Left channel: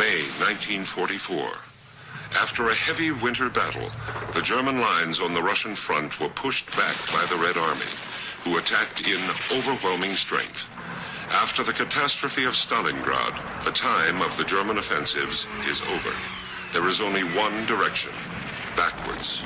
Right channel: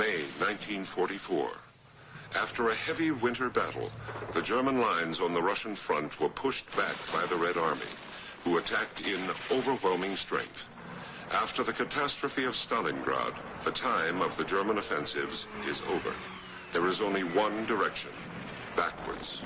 May 1944. After a heavy winter battle, the German lines on the Russian front were pushed back by the Red Army, who attacked in overwhelming strength. After the catastrophe of Stalingrad, the time of the German offensives is over. There is only one direction, backwards.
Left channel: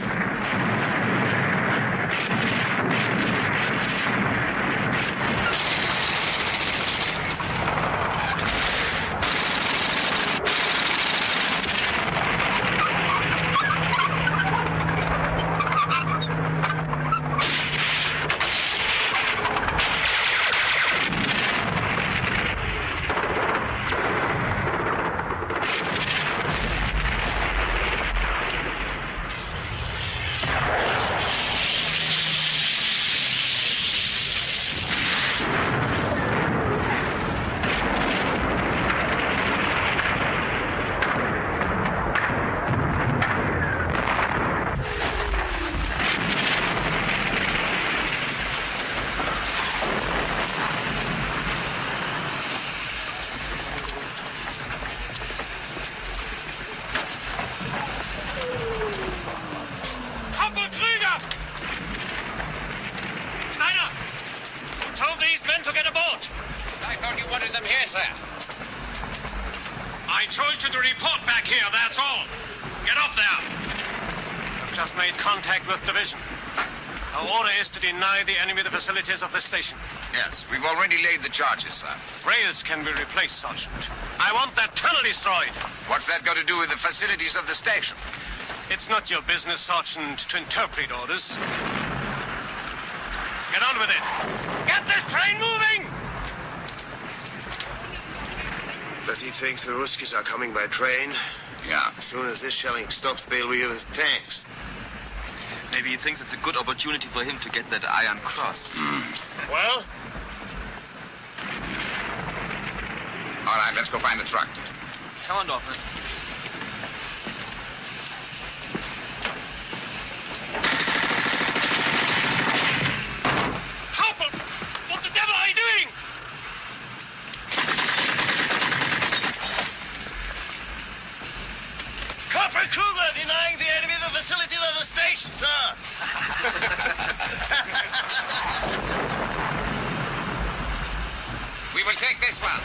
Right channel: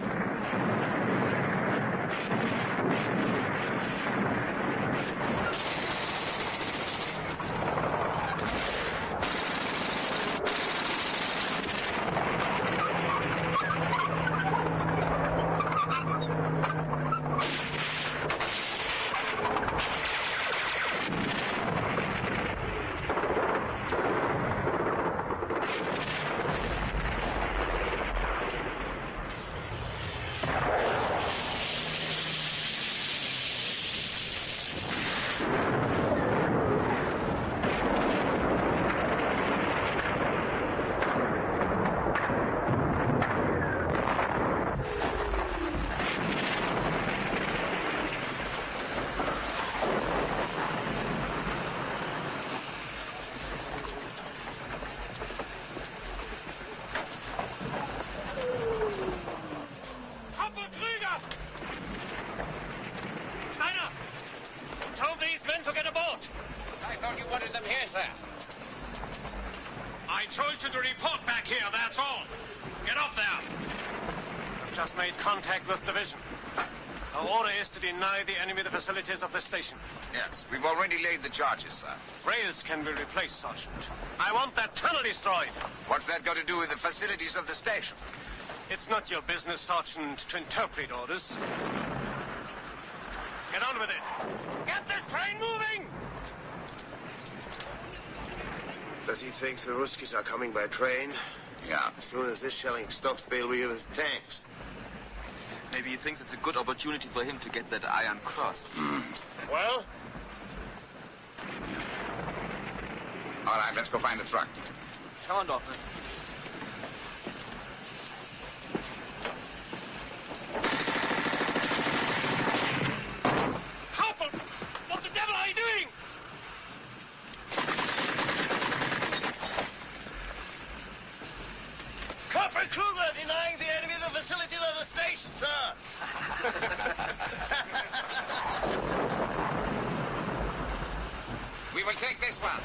I told you to report back here, that's all. Get up there. I've just made contact with division. Our order is to deny the enemy the facilities of the station. Yes, we've already laid the charges, sir. Rails can be replaced, Sergeant. I want that tunnel destroyed. What's that got to do with the facilities of the station? It's not your business, Sergeant, to interpret orders. Get on with it. Get this train moving! Does he think the Ruskies are coming by train? Yeah. As soon as this shelling stops, they'll be with tanks. Maybe he thinks it's a good opportunity for him to get that Iron Cross. Well? All right, let's go find the truck. Come on, Dorfman. Hauptmann! What the devil are you doing? Corporal Kruger denying the enemy the facilities of the station, sir. We will take this one.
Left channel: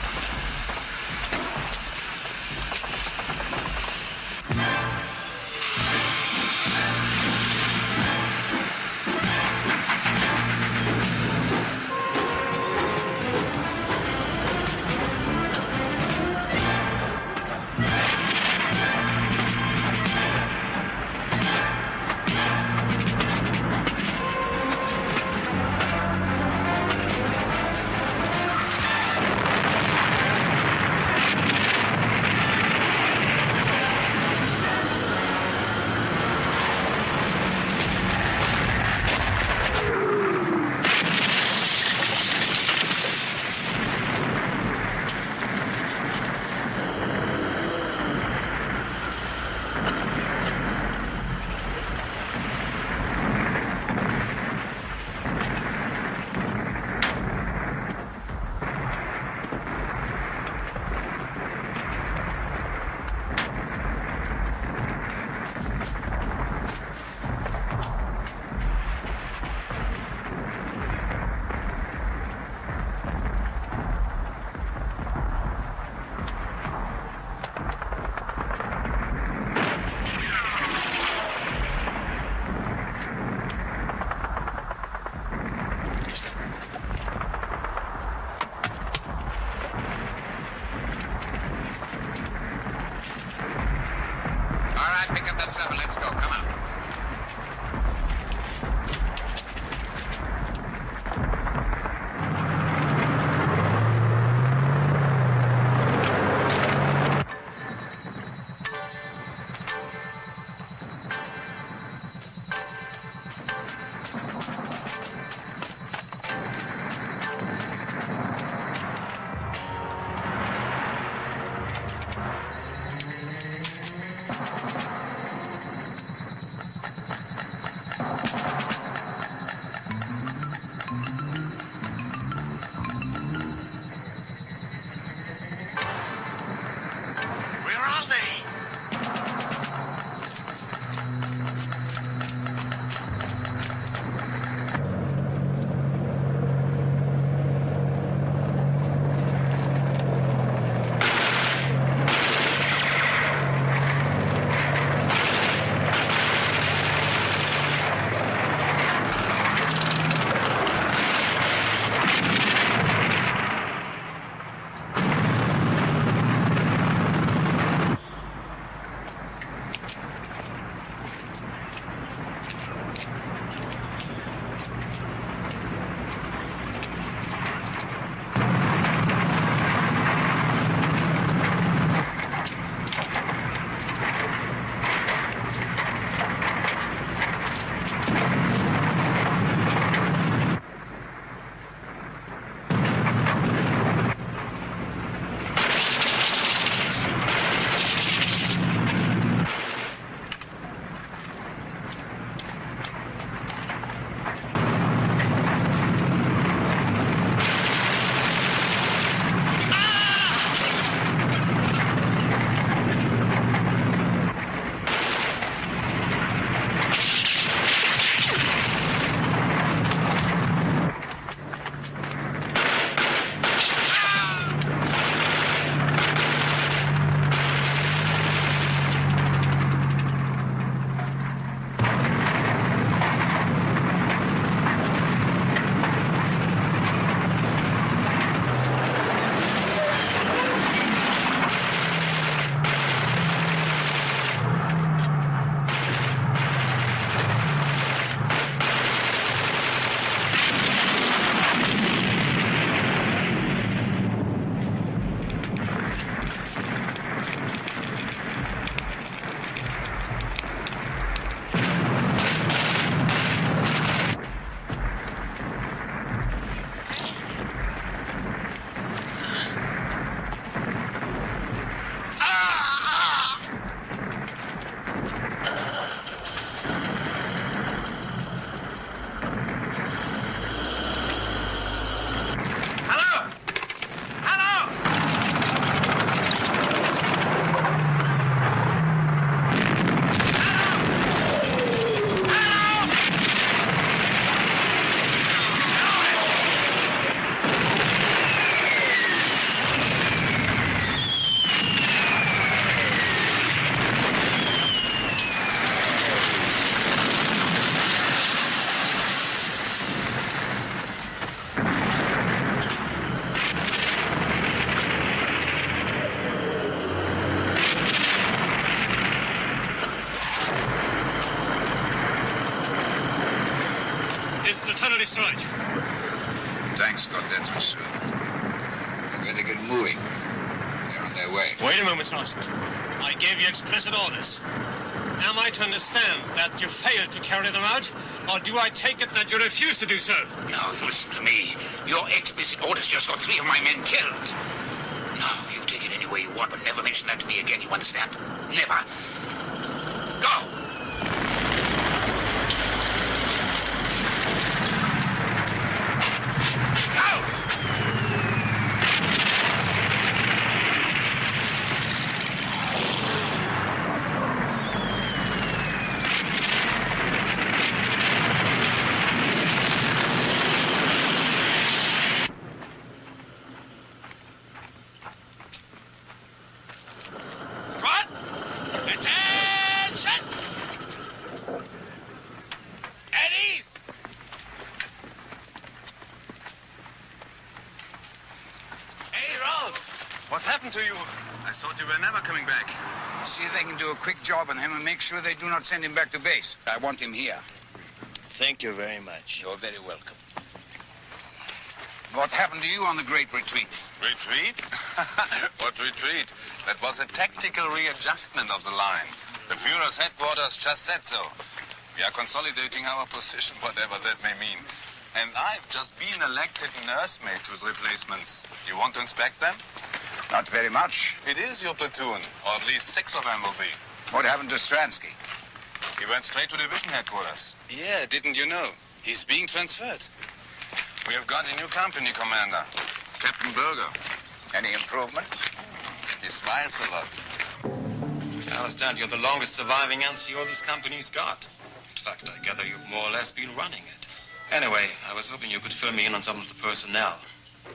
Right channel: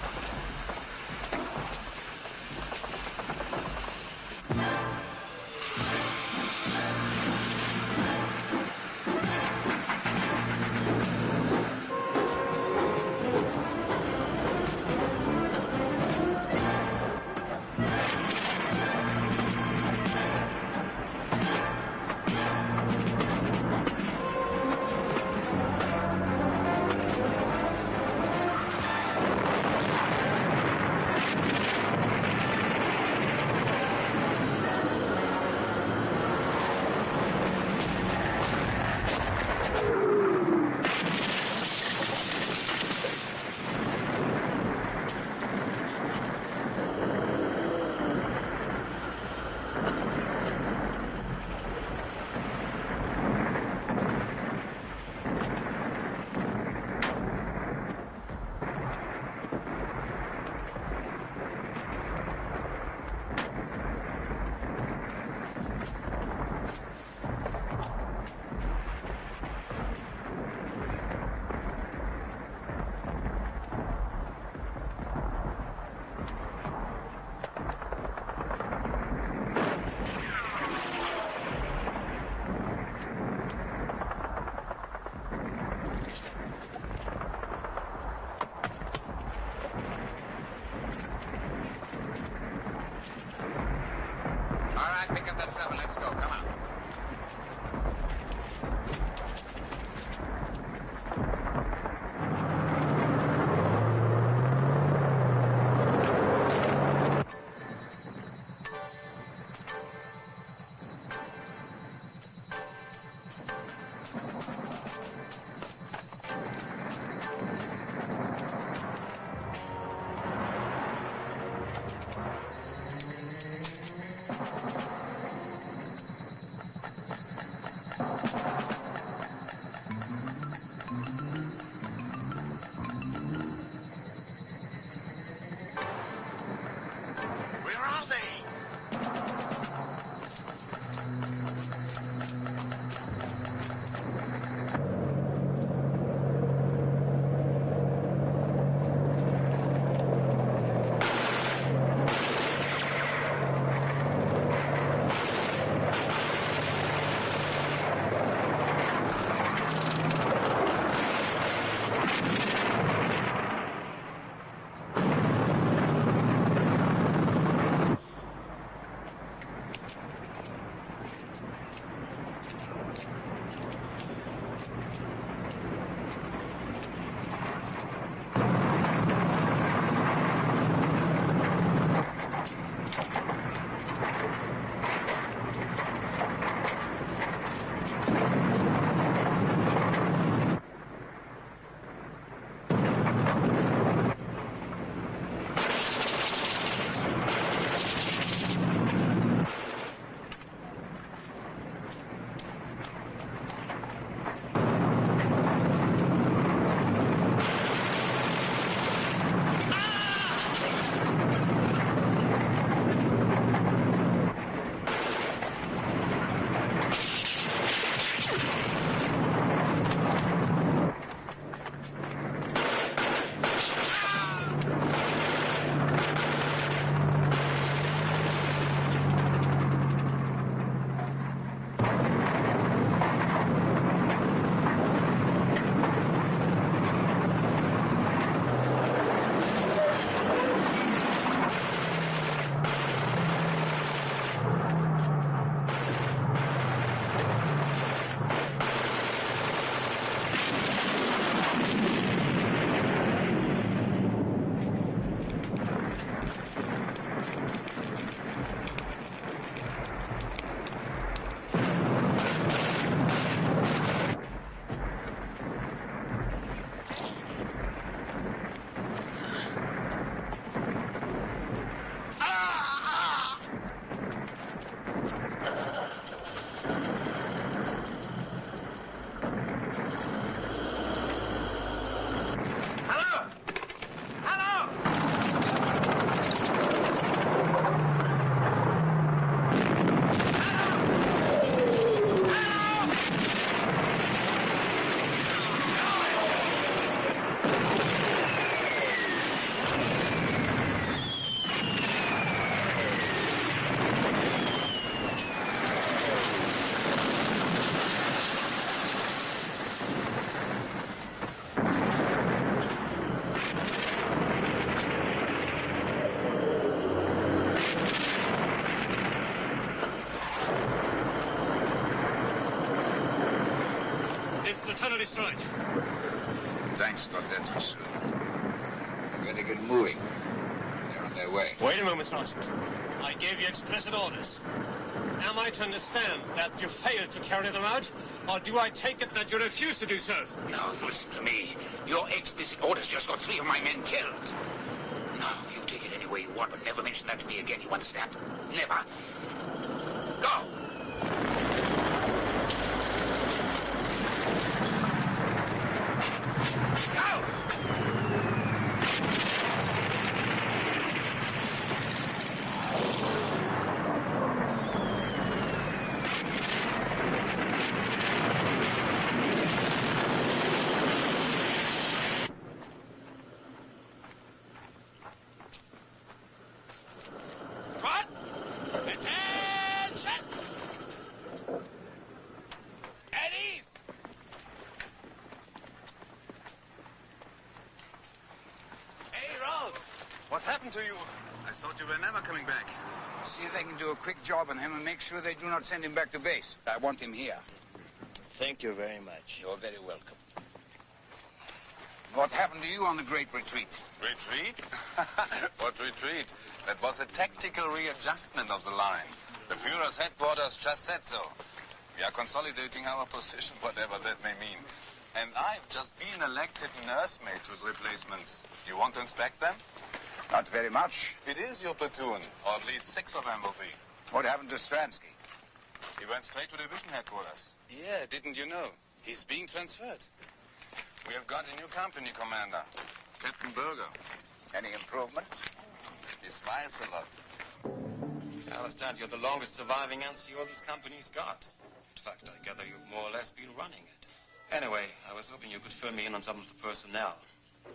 Pick up that seven. Let's go. Come on. destroyed. Tanks got there too soon. They're going to get moving. They're on their way. Wait a moment, Sergeant. I gave you explicit orders. Am I to understand that you failed to carry them out, or do I take it that you refuse to do so? Now, listen to me. Your explicit orders just got 3 of my men killed. Now, you take it any way you want, but never mention that to me again. You understand? Never. Go! Go! What's happened to you? I thought you were never coming back. See if they can do a quick job on him and make sure they do not send him back to base. I want him here. Thank you very much. You're very welcome. What happened to you on the Great Retreat? Retreat? What retreat? That was a tactical readjustment of the line. The Führer's headquarters just said so. We are consolidating our position, whatever that may mean. And I've just been elected nursemaid to the replacements. You want to inspect them? Not very much. It is your platoon, or at least 6 of them will be. What happened to Stransky? He went straight to division headquarters. Yeah, didn't you know? He's being transferred. We have got a new company commander, Captain Berger. Any improvement? He smiles a lot. I understand you're the longest surviving NCO this company's got. In fact, I gather you've more or less been running it. Anyway, I was hoping you could fill me in on some of the personnel.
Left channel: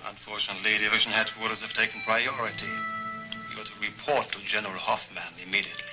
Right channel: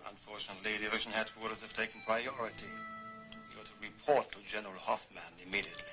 Unfortunately, division headquarters have taken priority. You're to report to General Hoffman immediately.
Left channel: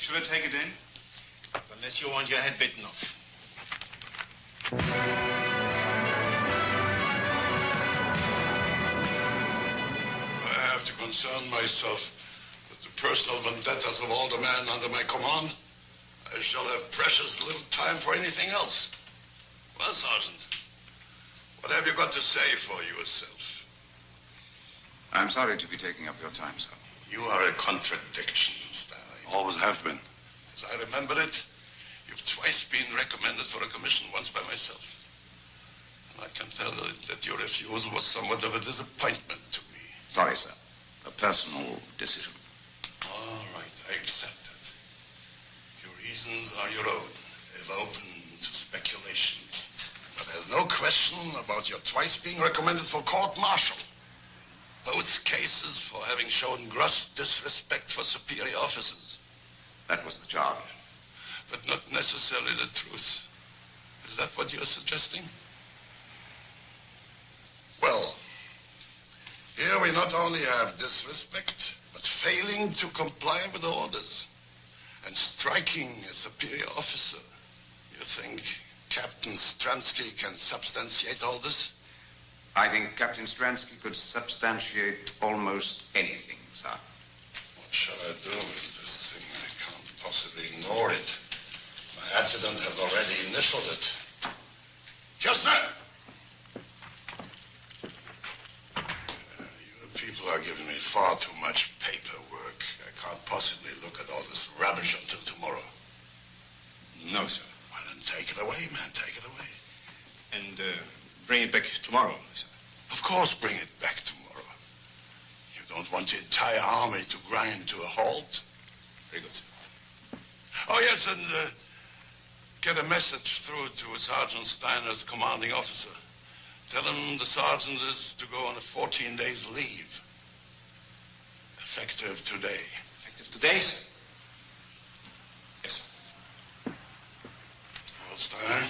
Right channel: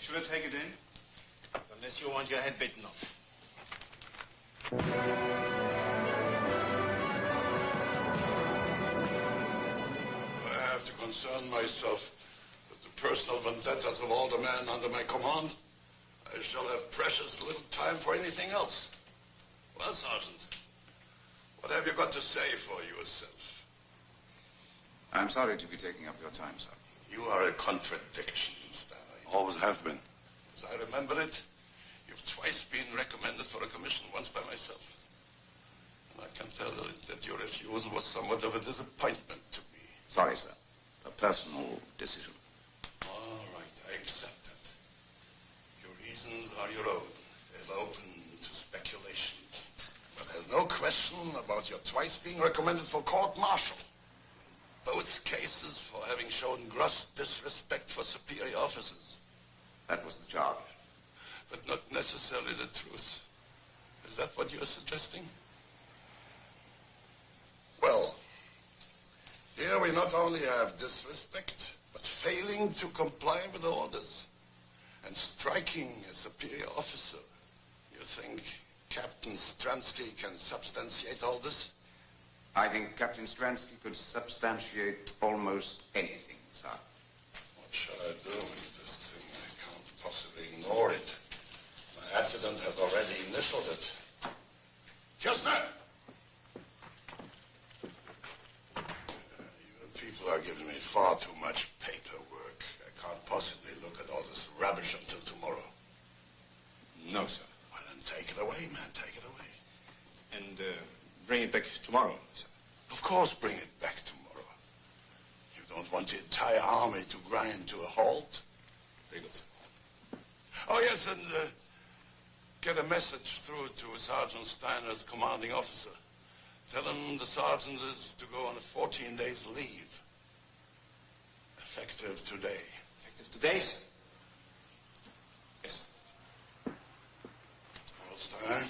Should I take it in? Unless you want your head bitten off. I have to concern myself with the personal vendettas of all the men under my command. I shall have precious little time for anything else. Well, Sergeant, what have you got to say for yourself? I'm sorry to be taking up your time, sir. You are a contradiction, Stanley. Always have been. As I remember it, you've twice been recommended for a commission, once by myself. And I can tell you that your refusal was somewhat of a disappointment to me. Sorry, sir. A personal decision. All right, I accept that. Your reasons are your own, if open to speculations. But there's no question about your twice being recommended for court-martial. Both cases for having shown gross disrespect for superior officers. That was the charge. But not necessarily the truth. Is that what you're suggesting? Well, here we not only have disrespect, but failing to comply with the orders. And striking a superior officer. You think Captain Stransky can substantiate all this? I think Captain Stransky could substantiate almost anything, sir. What shall I do with this thing? I can't possibly ignore it. My adjutant has already initialed it. Kistner! You people are giving me far too much paperwork. I can't possibly look at all this rubbish until tomorrow. No, sir. Well, then take it away, man. Take it away. And bring it back tomorrow, sir. Of course, bring it back tomorrow. You don't want the entire army to grind to a halt? Very good, sir. Oh, yes, and get a message through to Sergeant Steiner's commanding officer. Tell him the sergeant is to go on a 14 days leave. Effective today. Effective today, sir? Yes, sir. Well, Steiner,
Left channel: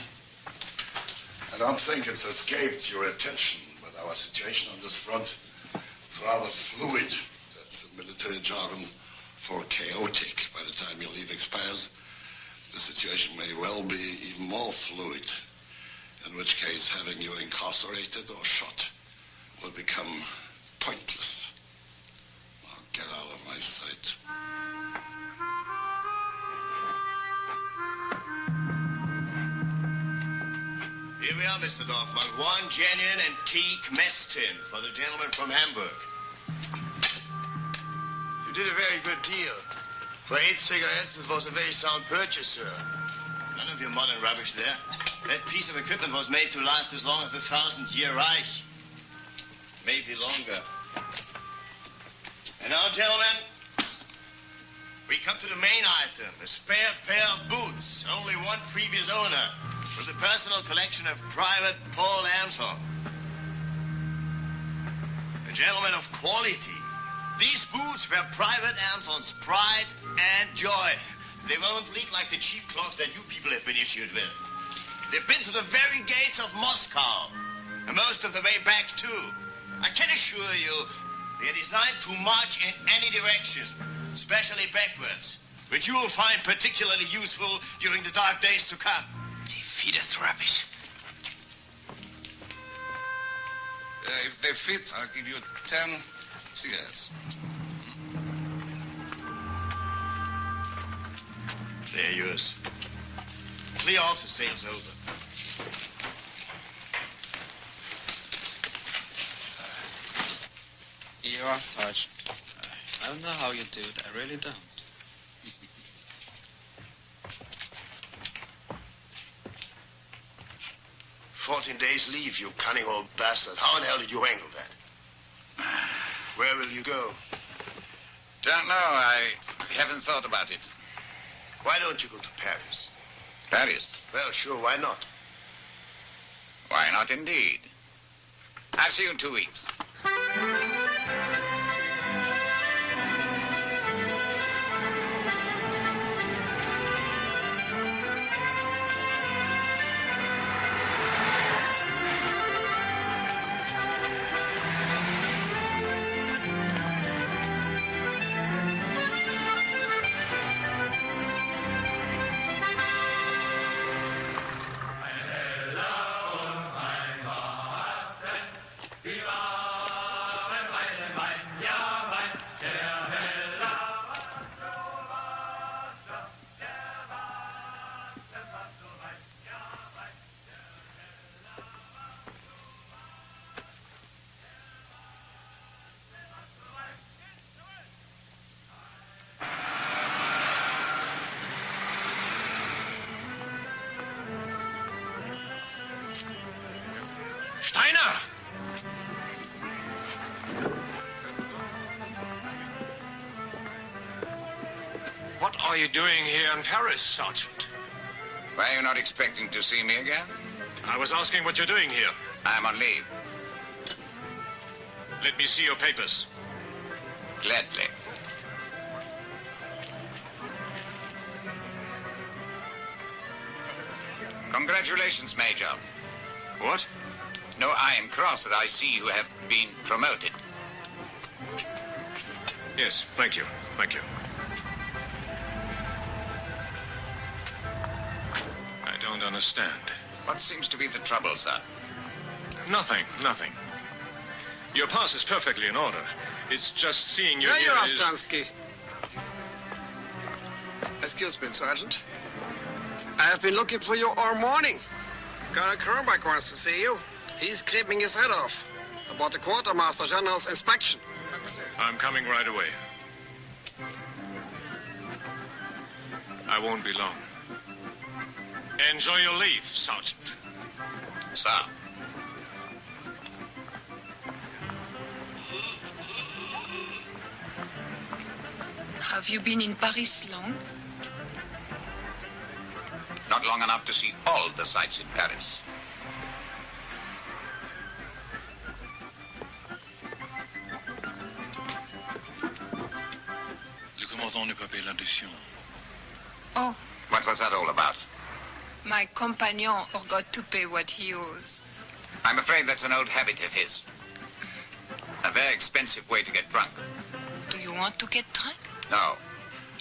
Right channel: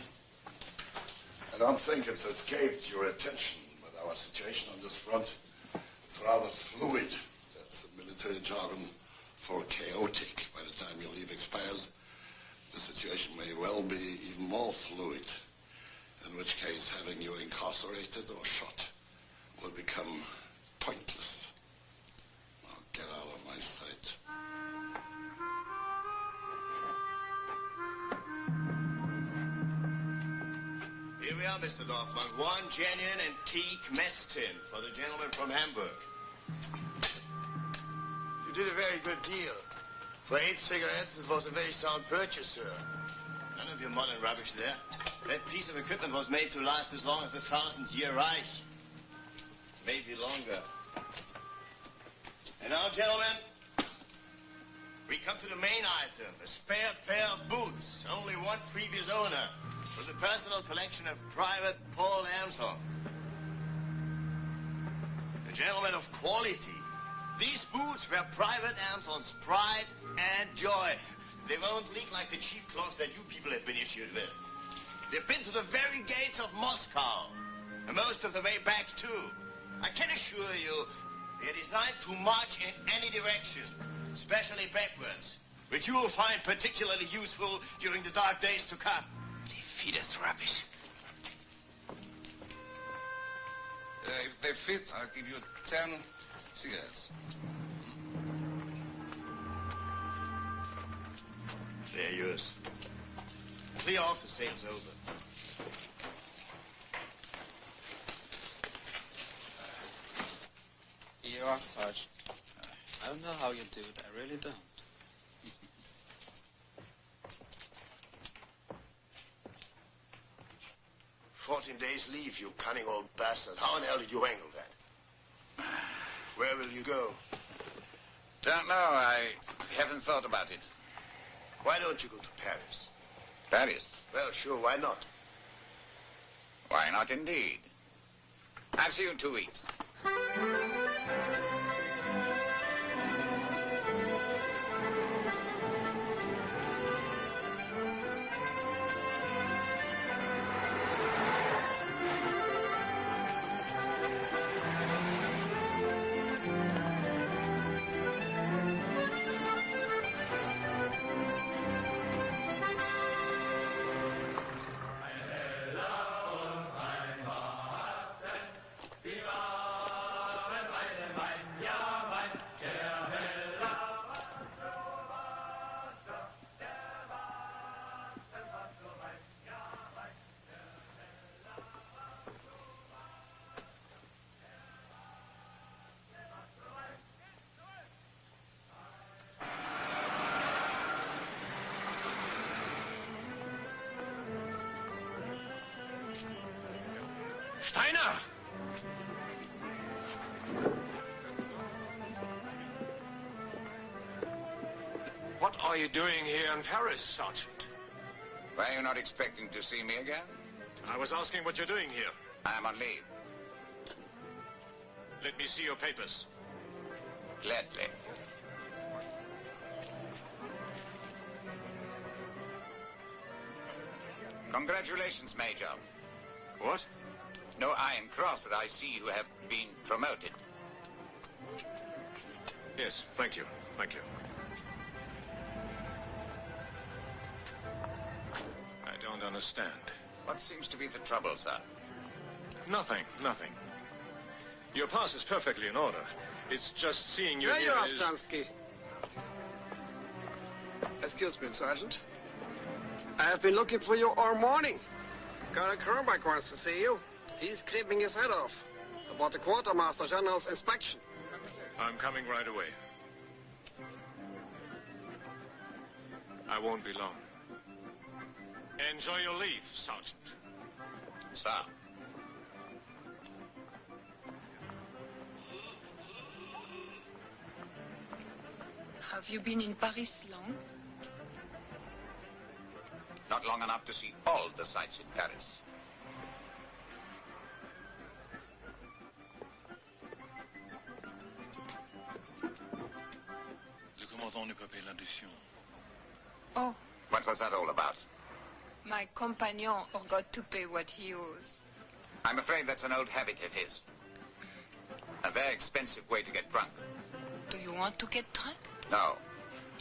I don't think it's escaped your attention, but our situation on this front It's rather fluid. That's the military jargon for chaotic. By the time your leave expires, the situation may well be even more fluid. In which case, having you incarcerated or shot will become pointless. Now, get out of my sight. Here we are, Mr. Dorfman. One genuine antique mess tin for the gentleman from Hamburg. You did a very good deal. For 8 cigarettes, it was a very sound purchase, sir. None of your modern rubbish there. That piece of equipment was made to last as long as the 1000-year Reich. Maybe longer. And now, gentlemen, we come to the main item, a spare pair of boots. Only one previous owner, from the personal collection of Private Paul Amson. A gentleman of quality. These boots were Private Amson's pride and joy. They won't leak like the cheap cloths that you people have been issued with. They've been to the very gates of Moscow, and most of the way back, too. I can assure you, they're designed to march in any direction, especially backwards, which you will find particularly useful during the dark days to come. They feed us rubbish. If they fit, I'll give you 10 cigarettes. They're yours. Clear off, the sale's over. You are, Sergeant. I don't know how you do it. I really don't. 14 days leave, you cunning old bastard. How in hell did you wangle that? Where will you go? Don't know. I haven't thought about it. Why don't you go to Paris? Paris? Well, sure, why not? Why not, indeed? I'll see you in 2 weeks. Steiner! What are you doing here in Paris, Sergeant? Were you not expecting to see me again? I was asking what you're doing here. I'm on leave. Let me see your papers. Gladly. Congratulations, Major. What? No iron cross that I see you have been promoted. Yes, thank you. Thank you. I don't understand. What seems to be the trouble, sir? Nothing, nothing. Your pass is perfectly in order. It's just seeing you There you here are, is... Stransky. Excuse me, Sergeant. I have been looking for you all morning. Colonel Kronbach wants to see you. He's creeping his head off about the Quartermaster General's inspection. I'm coming right away. I won't be long. Enjoy your leave, Sergeant. Sir. Have you been in Paris long? Not long enough to see all the sights in Paris. Le commandant ne peut payer l'addition. Oh, What was that all about? my companion forgot to pay what he owes. I'm afraid that's an old habit of his. A very expensive way to get drunk. Do you want to get drunk? No,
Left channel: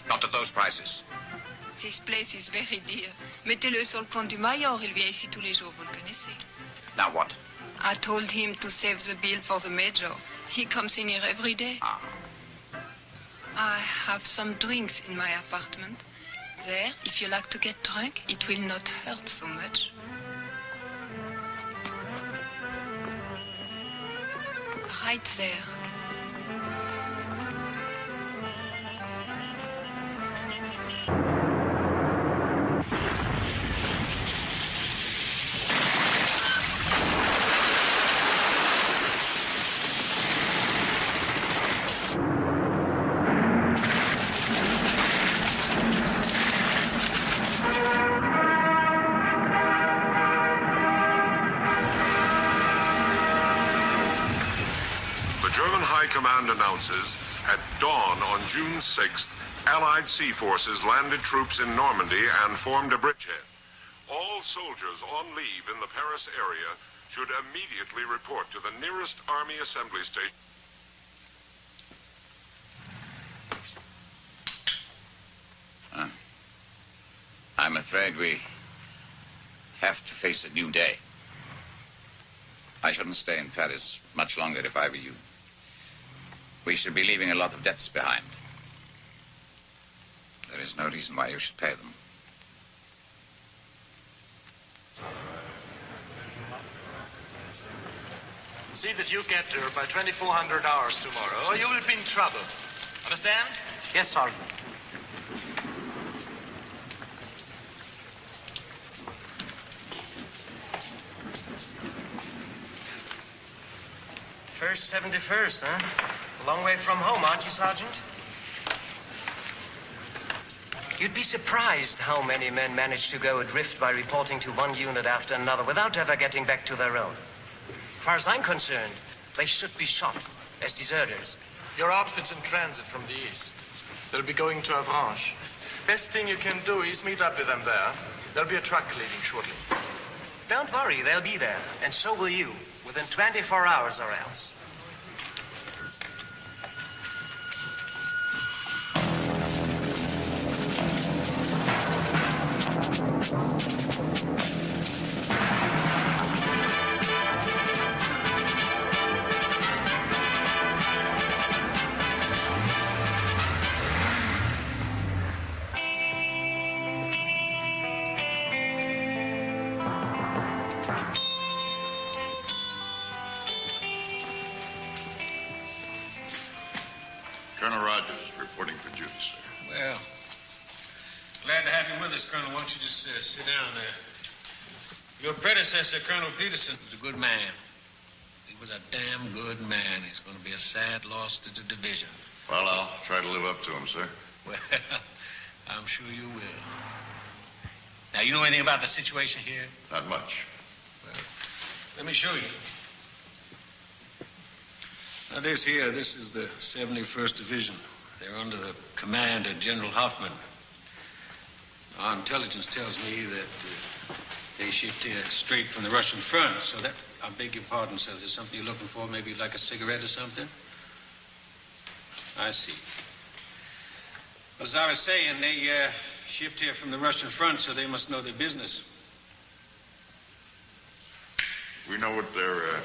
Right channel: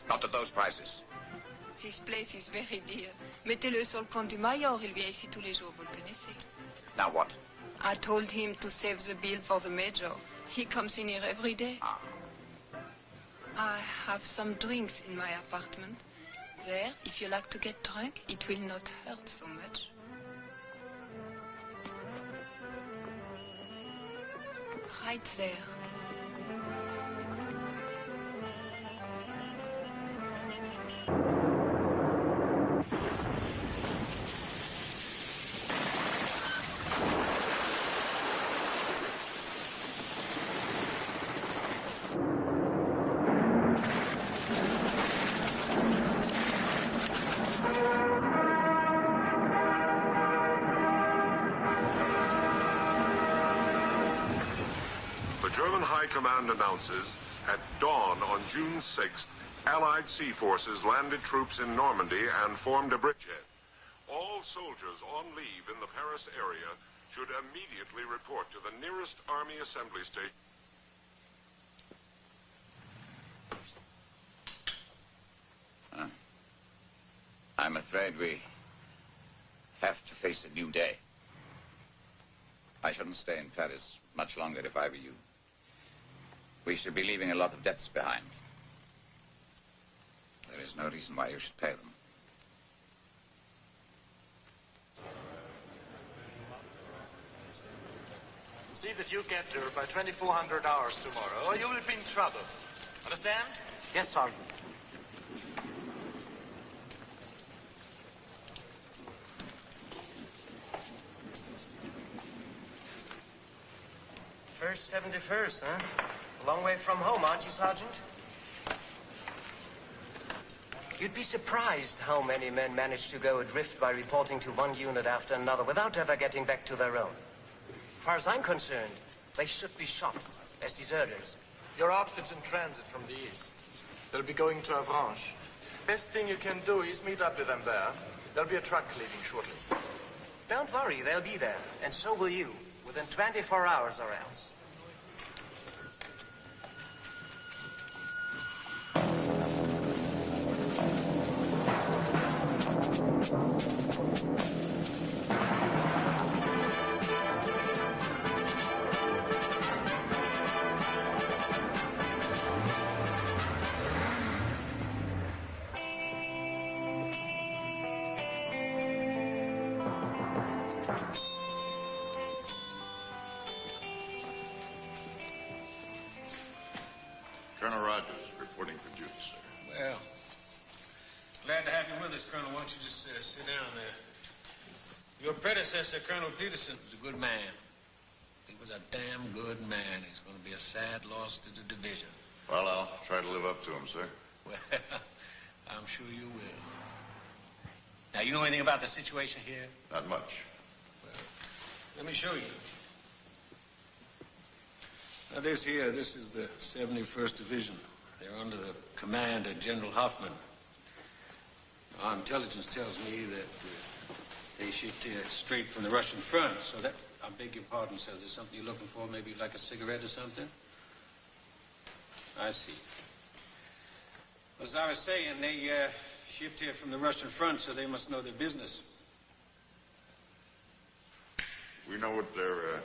not at those prices. This place is very dear. Mettez-le sur le compte du Mayor. Il vient ici tous les jours, vous le connaissez. Now what? I told him to save the bill for the Major. He comes in here every day. Ah. I have some drinks in my apartment. There, if you like to get drunk, it will not hurt so much. Right there. Command announces, at dawn on June 6th, Allied sea forces landed troops in Normandy and formed a bridgehead. All soldiers on leave in the Paris area should immediately report to the nearest Army assembly station. I'm afraid we have to face a new day. I shouldn't stay in Paris much longer if I were you. We should be leaving a lot of debts behind. There is no reason why you should pay them. See that you get there by 2400 hours tomorrow, or you will be in trouble. Understand? Yes, Sergeant. First 71st, huh? A long way from home, aren't you, Sergeant? You'd be surprised how many men manage to go adrift by reporting to one unit after another without ever getting back to their own. As far as I'm concerned, they should be shot as deserters. Your outfit's in transit from the east. They'll be going to Avranches. Best thing you can do is meet up with them there. There'll be a truck leaving shortly. Don't worry, they'll be there. And so will you, within 24 hours or else. Colonel Rogers, reporting for duty, sir. Well, glad to have you with us, Colonel. Why don't you just sit down there? Your predecessor, Colonel Peterson, was a good man. He was a damn good man. He's going to be a sad loss to the division. Well, I'll try to live up to him, sir. Well, I'm sure you will. Now, you know anything about the situation here? Not much. Well, let me show you. Now, this is the 71st Division. They're under the command of General Hoffman. Our intelligence tells me that they shipped here straight from the Russian front, so that, I beg your pardon, sir, is there something you're looking for? Maybe like a cigarette or something? I see. Well, as I was saying, they shipped here from the Russian front, so they must know their business. We know what their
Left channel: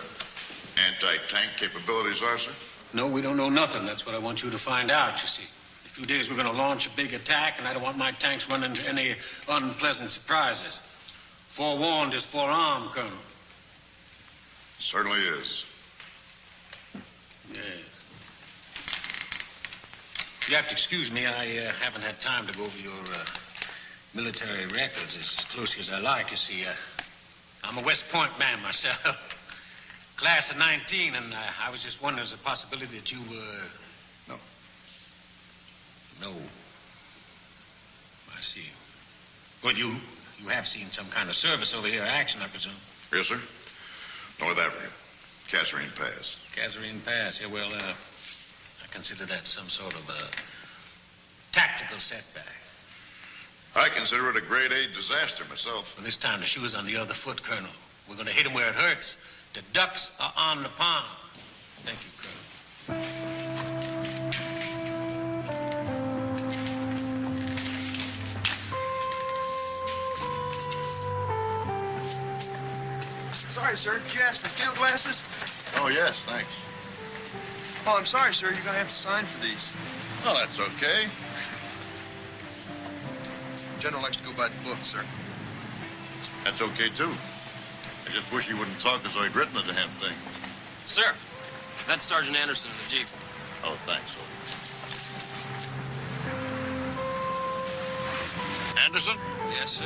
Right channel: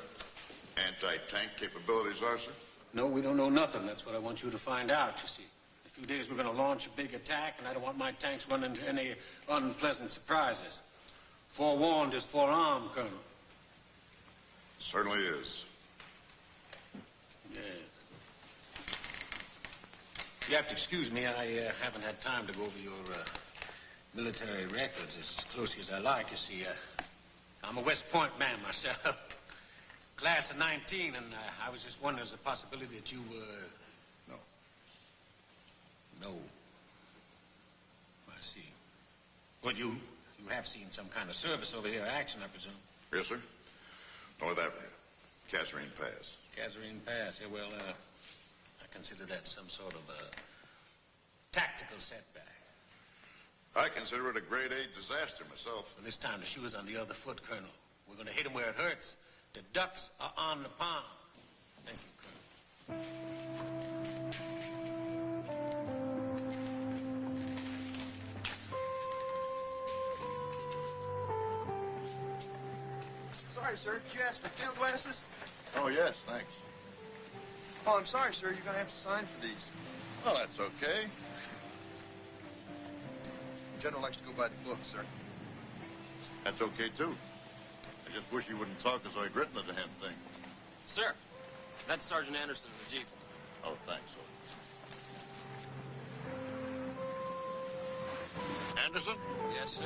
anti-tank capabilities are, sir? No, we don't know nothing. That's what I want you to find out, you see. In a few days, we're going to launch a big attack, and I don't want my tanks running into any unpleasant surprises. Forewarned is forearmed, Colonel. Certainly is. Yes. You have to excuse me. I haven't had time to go over your military records as closely as I like. You see, I'm a West Point man myself. Class of 19, and I was just wondering, there's a possibility that you were... No. No. I see. Well, you have seen some kind of service over here, action, I presume. Yes, sir. North Africa. Kasserine Pass. Kasserine Pass. Yeah, well, I consider that some sort of a tactical setback. I consider it a grade A disaster myself. Well, this time the shoe is on the other foot, Colonel. We're going to hit him where it hurts. The ducks are on the pond. Thank you, Colonel. Sorry, sir. Did you ask for field glasses? Oh, yes, thanks. Oh, I'm sorry, sir. You're going to have to sign for these. Oh, that's okay. General likes to go by the book, sir. That's okay, too. I just wish he wouldn't talk as though he'd written the damn thing. Sir, that's Sergeant Anderson in the Jeep. Oh, thanks. Anderson? Yes, sir.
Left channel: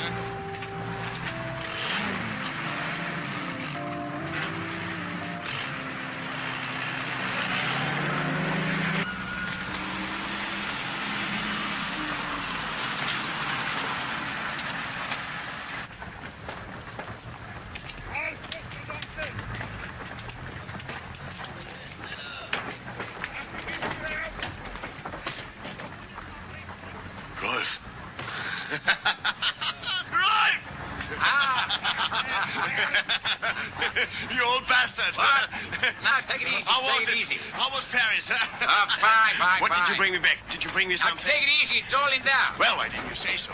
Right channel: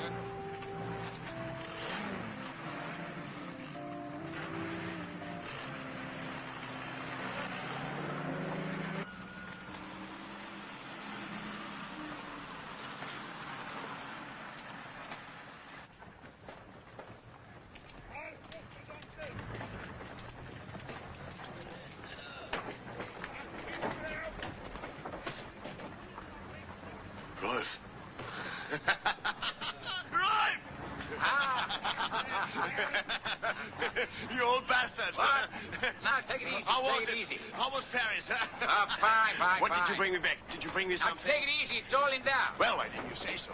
Rolf. You old bastard. What? Now, take it easy. How was Take it it? easy. How was Paris? Fine. What did you bring me back? Did you bring me Now, something? take it easy. It's all in down. Well, why didn't you say so?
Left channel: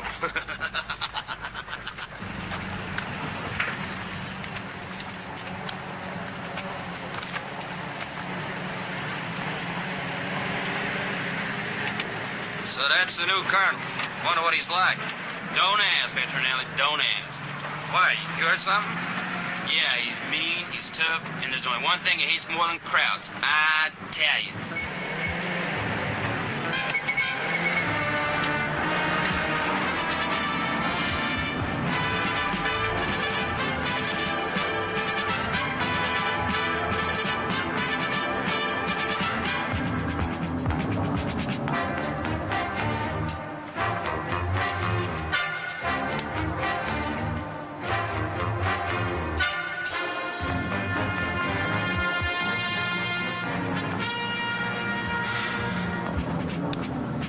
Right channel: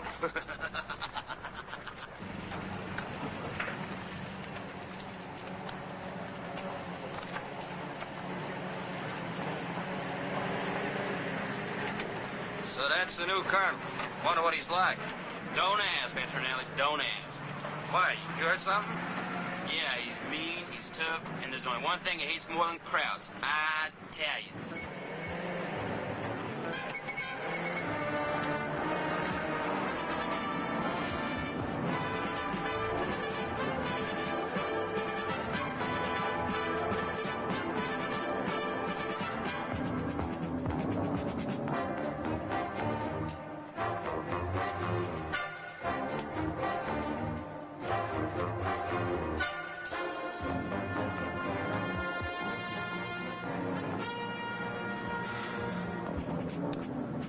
So that's the new colonel. Wonder what he's like. Don't ask, Veterinelli, don't ask. Why, you heard something? Yeah, he's mean, he's tough, and there's only one thing he hates more than crowds. Italians.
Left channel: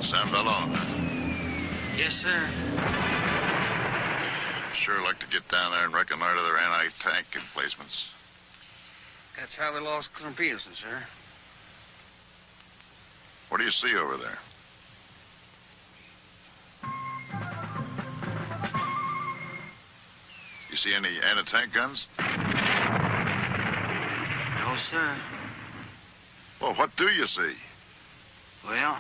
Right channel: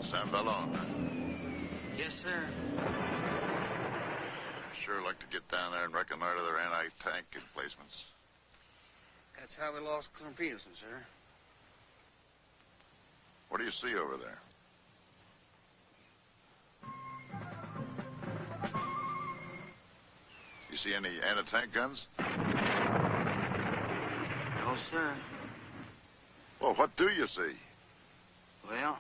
San Ballon. Yes, sir. Sure like to get down there and reconnoiter their anti-tank emplacements. That's how they lost Colonel Peterson, sir. What do you see over there? You see any anti-tank guns? No, sir. Well, what do you see? Well,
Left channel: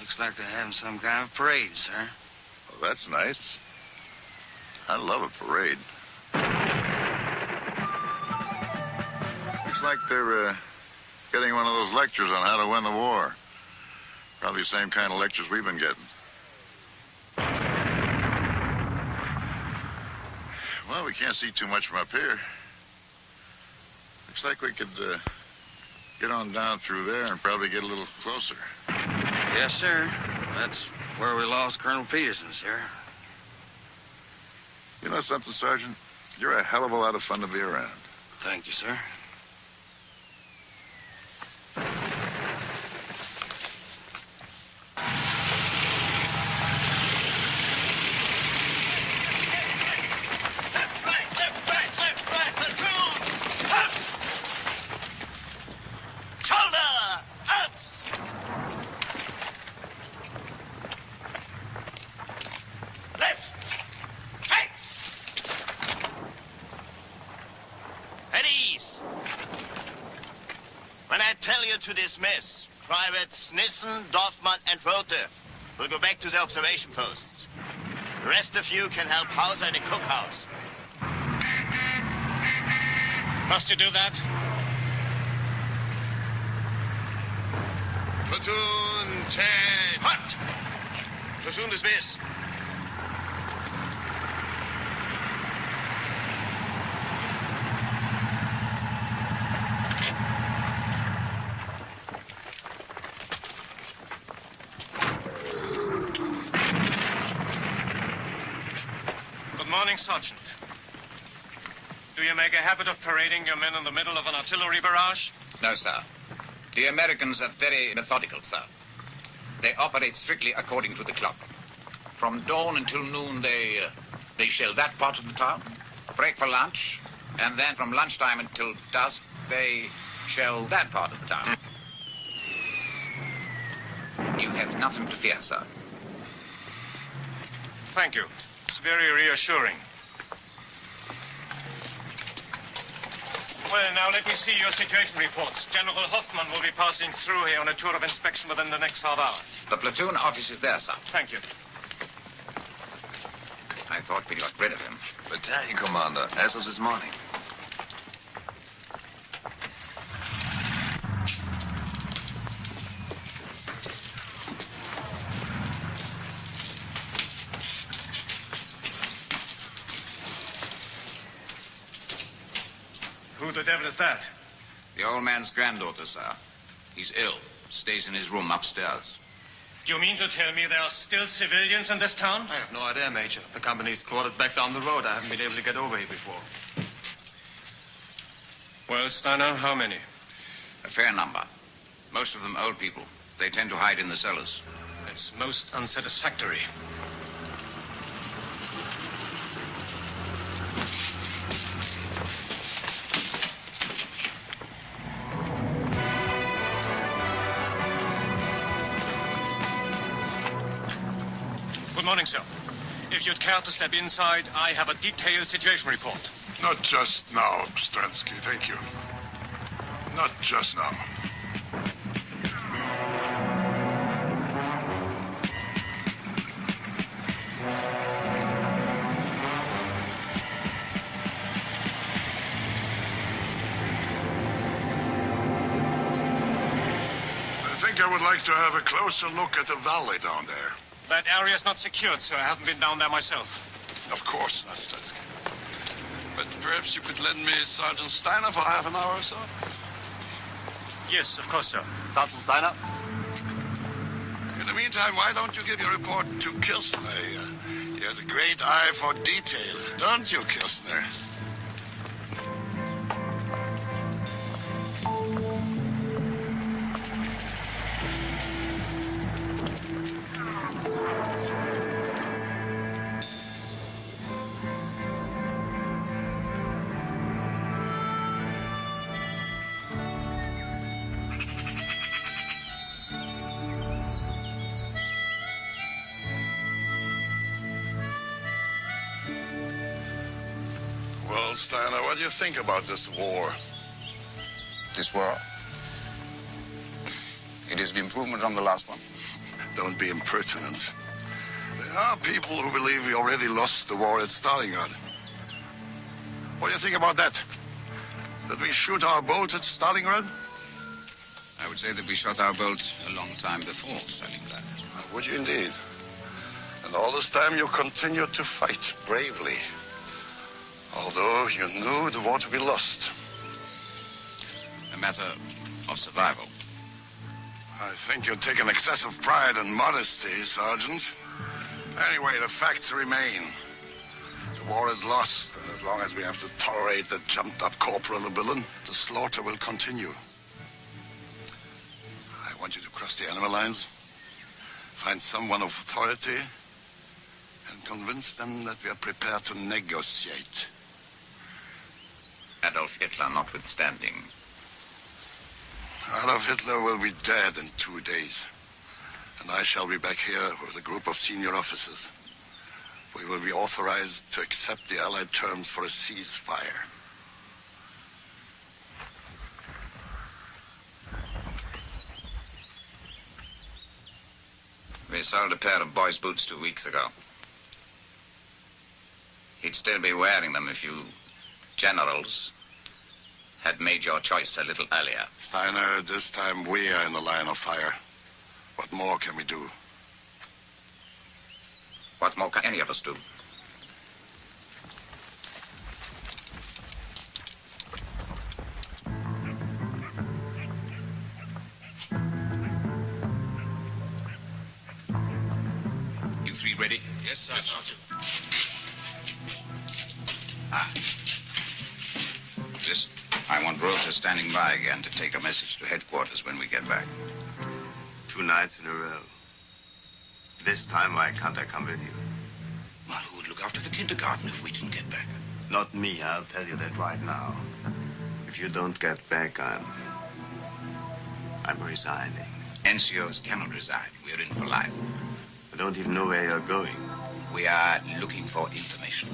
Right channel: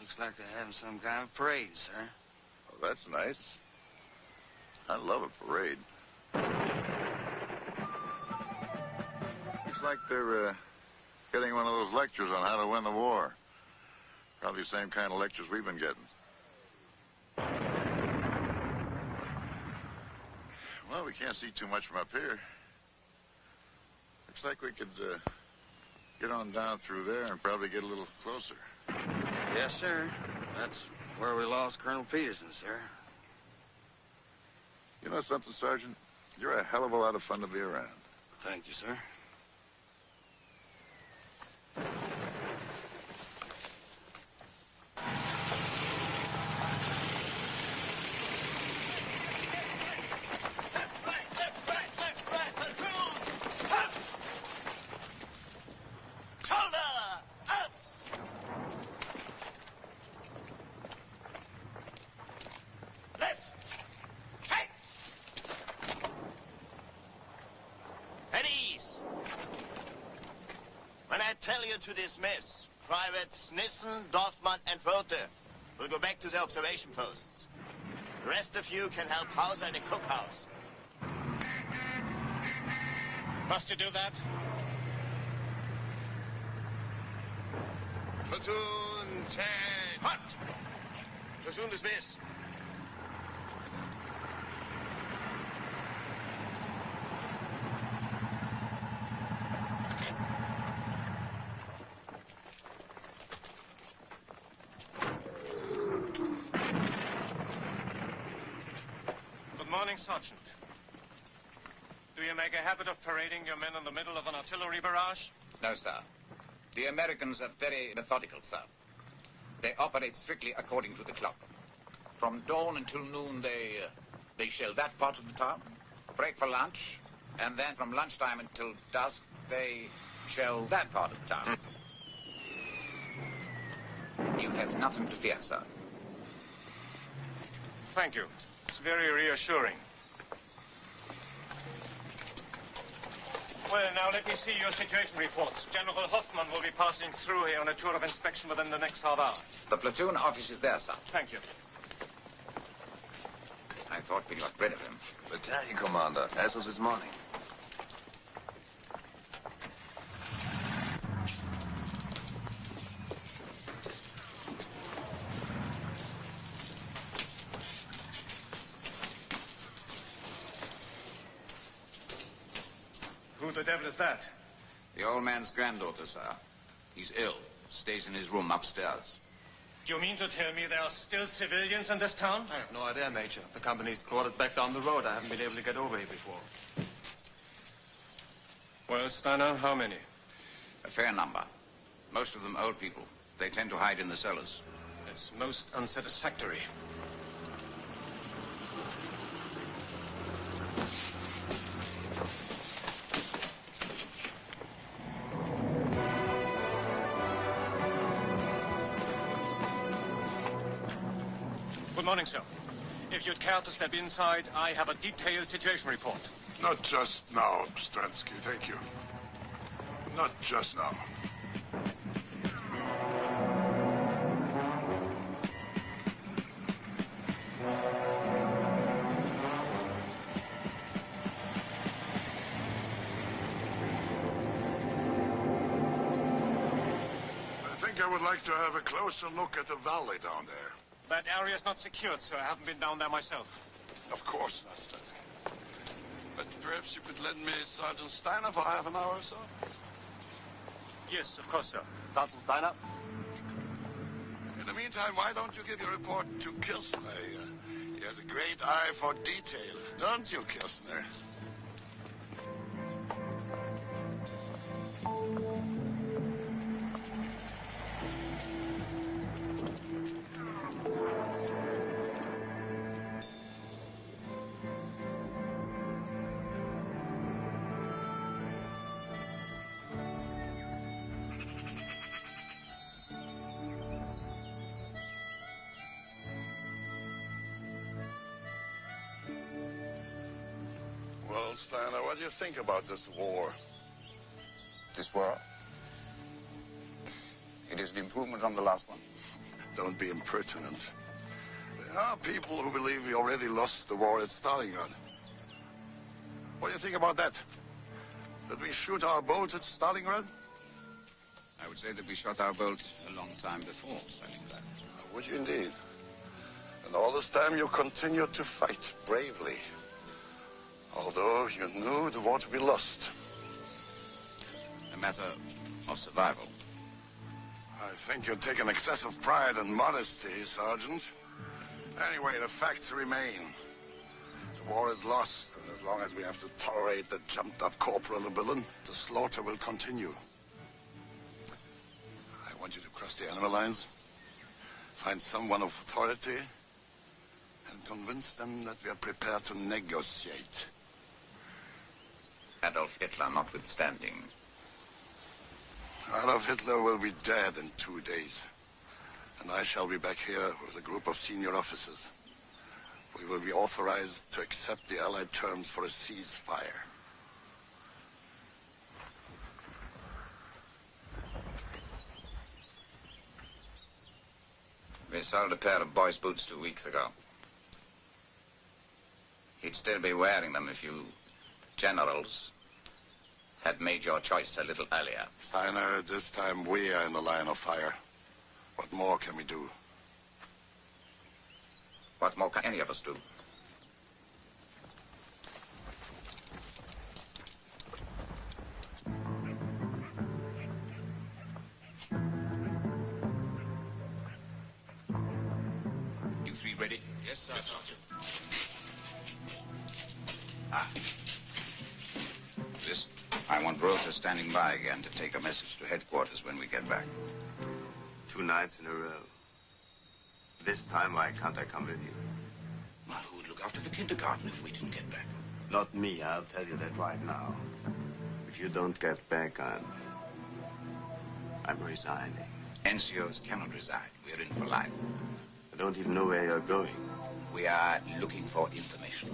looks like they're having some kind of parade, sir. Oh, that's nice. I love a parade. Looks like they're getting one of those lectures on how to win the war. Probably the same kind of lectures we've been getting. Well, we can't see too much from up here. Looks like we could get on down through there and probably get a little closer. Yes, sir. That's where we lost Colonel Peterson, sir. You know something, Sergeant? You're a hell of a lot of fun to be around. Thank you, sir. To dismiss. Privates Nissen, Dorfmann, and Rothe will go back to their observation posts. The rest of you can help Hauser in the cookhouse. Must you do that? Platoon 10. Hot! Platoon dismiss. Morning, Sergeant. Do you make a habit of parading your men in the middle of an artillery barrage? No, sir. The Americans are very methodical, sir. They operate strictly according to the clock. From dawn until noon, they shell that part of the town, break for lunch, and then from lunchtime until dusk, they Shell that part of the town. You have nothing to fear, sir. Thank you. It's very reassuring. Well, now let me see your situation reports. General Hoffman will be passing through here on a tour of inspection within the next half hour. The platoon office is there, sir. Thank you. I thought we got rid of him. Battalion commander, as of this morning. Who the devil is that? The old man's granddaughter, sir. He's ill. Stays in his room upstairs. Do you mean to tell me there are still civilians in this town? I have no idea, Major. The company's quartered back down the road. I haven't been able to get over here before. Well, Steiner, how many? A fair number. Most of them old people. They tend to hide in the cellars. It's most unsatisfactory. Good morning, sir. If you'd care to step inside, I have a detailed situation report. Not just now, Stransky, thank you. Not just now. I think I would like to have a closer look at the valley down there. That area is not secured, sir. I haven't been down there myself. Of course not, Stransky. But perhaps you could lend me Sergeant Steiner for half an hour or so? Yes, of course, sir. Sergeant Steiner? In the meantime, why don't you give your report to Kirstner? He has a great eye for detail, don't you, Kirstner? Well, Steiner, what do you think about this war? This war? It is an improvement on the last one. Don't be impertinent. There are people who believe we already lost the war at Stalingrad. What do you think about that? Did we shoot our bolt at Stalingrad? I would say that we shot our bolt a long time before Stalingrad. Would you indeed? And all this time you continued to fight bravely. Although you knew the war to be lost. A matter of survival. I think you take an excessive pride and modesty, Sergeant. Anyway, the facts remain. The war is lost, and as long as we have to tolerate the jumped-up corporal and villain, the slaughter will continue. I want you to cross the enemy lines, find someone of authority, and convince them that we are prepared to negotiate. Adolf Hitler notwithstanding. Adolf Hitler will be dead in 2 days. And I shall be back here with a group of senior officers. We will be authorized to accept the Allied terms for a ceasefire. We sold a pair of boys' boots 2 weeks ago. He'd still be wearing them if you generals had made your choice a little earlier. Steiner, this time we are in the line of fire. What more can we do? What more can any of us do? You three ready? Yes, sir, Sergeant. Listen, I want Rother standing by again to take a message to headquarters when we get back. 2 nights in a row. This time, why can't I come with you? Well, who would look after the kindergarten if we didn't get back? Not me, I'll tell you that right now. If you don't get back, I'm I'm resigning. NCOs cannot resign. We're in for life. I don't even know where you're going. We are looking for information.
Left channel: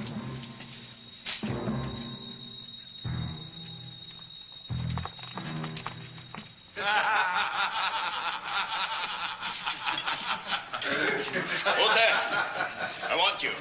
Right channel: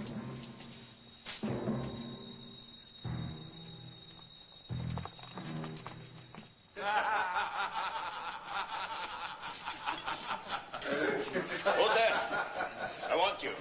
Hold there. I want you.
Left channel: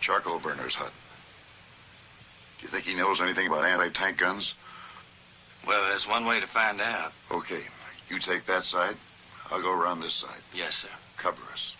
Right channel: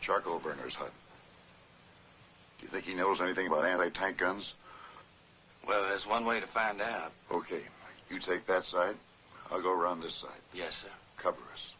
Charcoal burner's hut. Do you think he knows anything about anti-tank guns? Well, there's one way to find out. Okay. You take that side. I'll go around this side. Yes, sir. Cover us.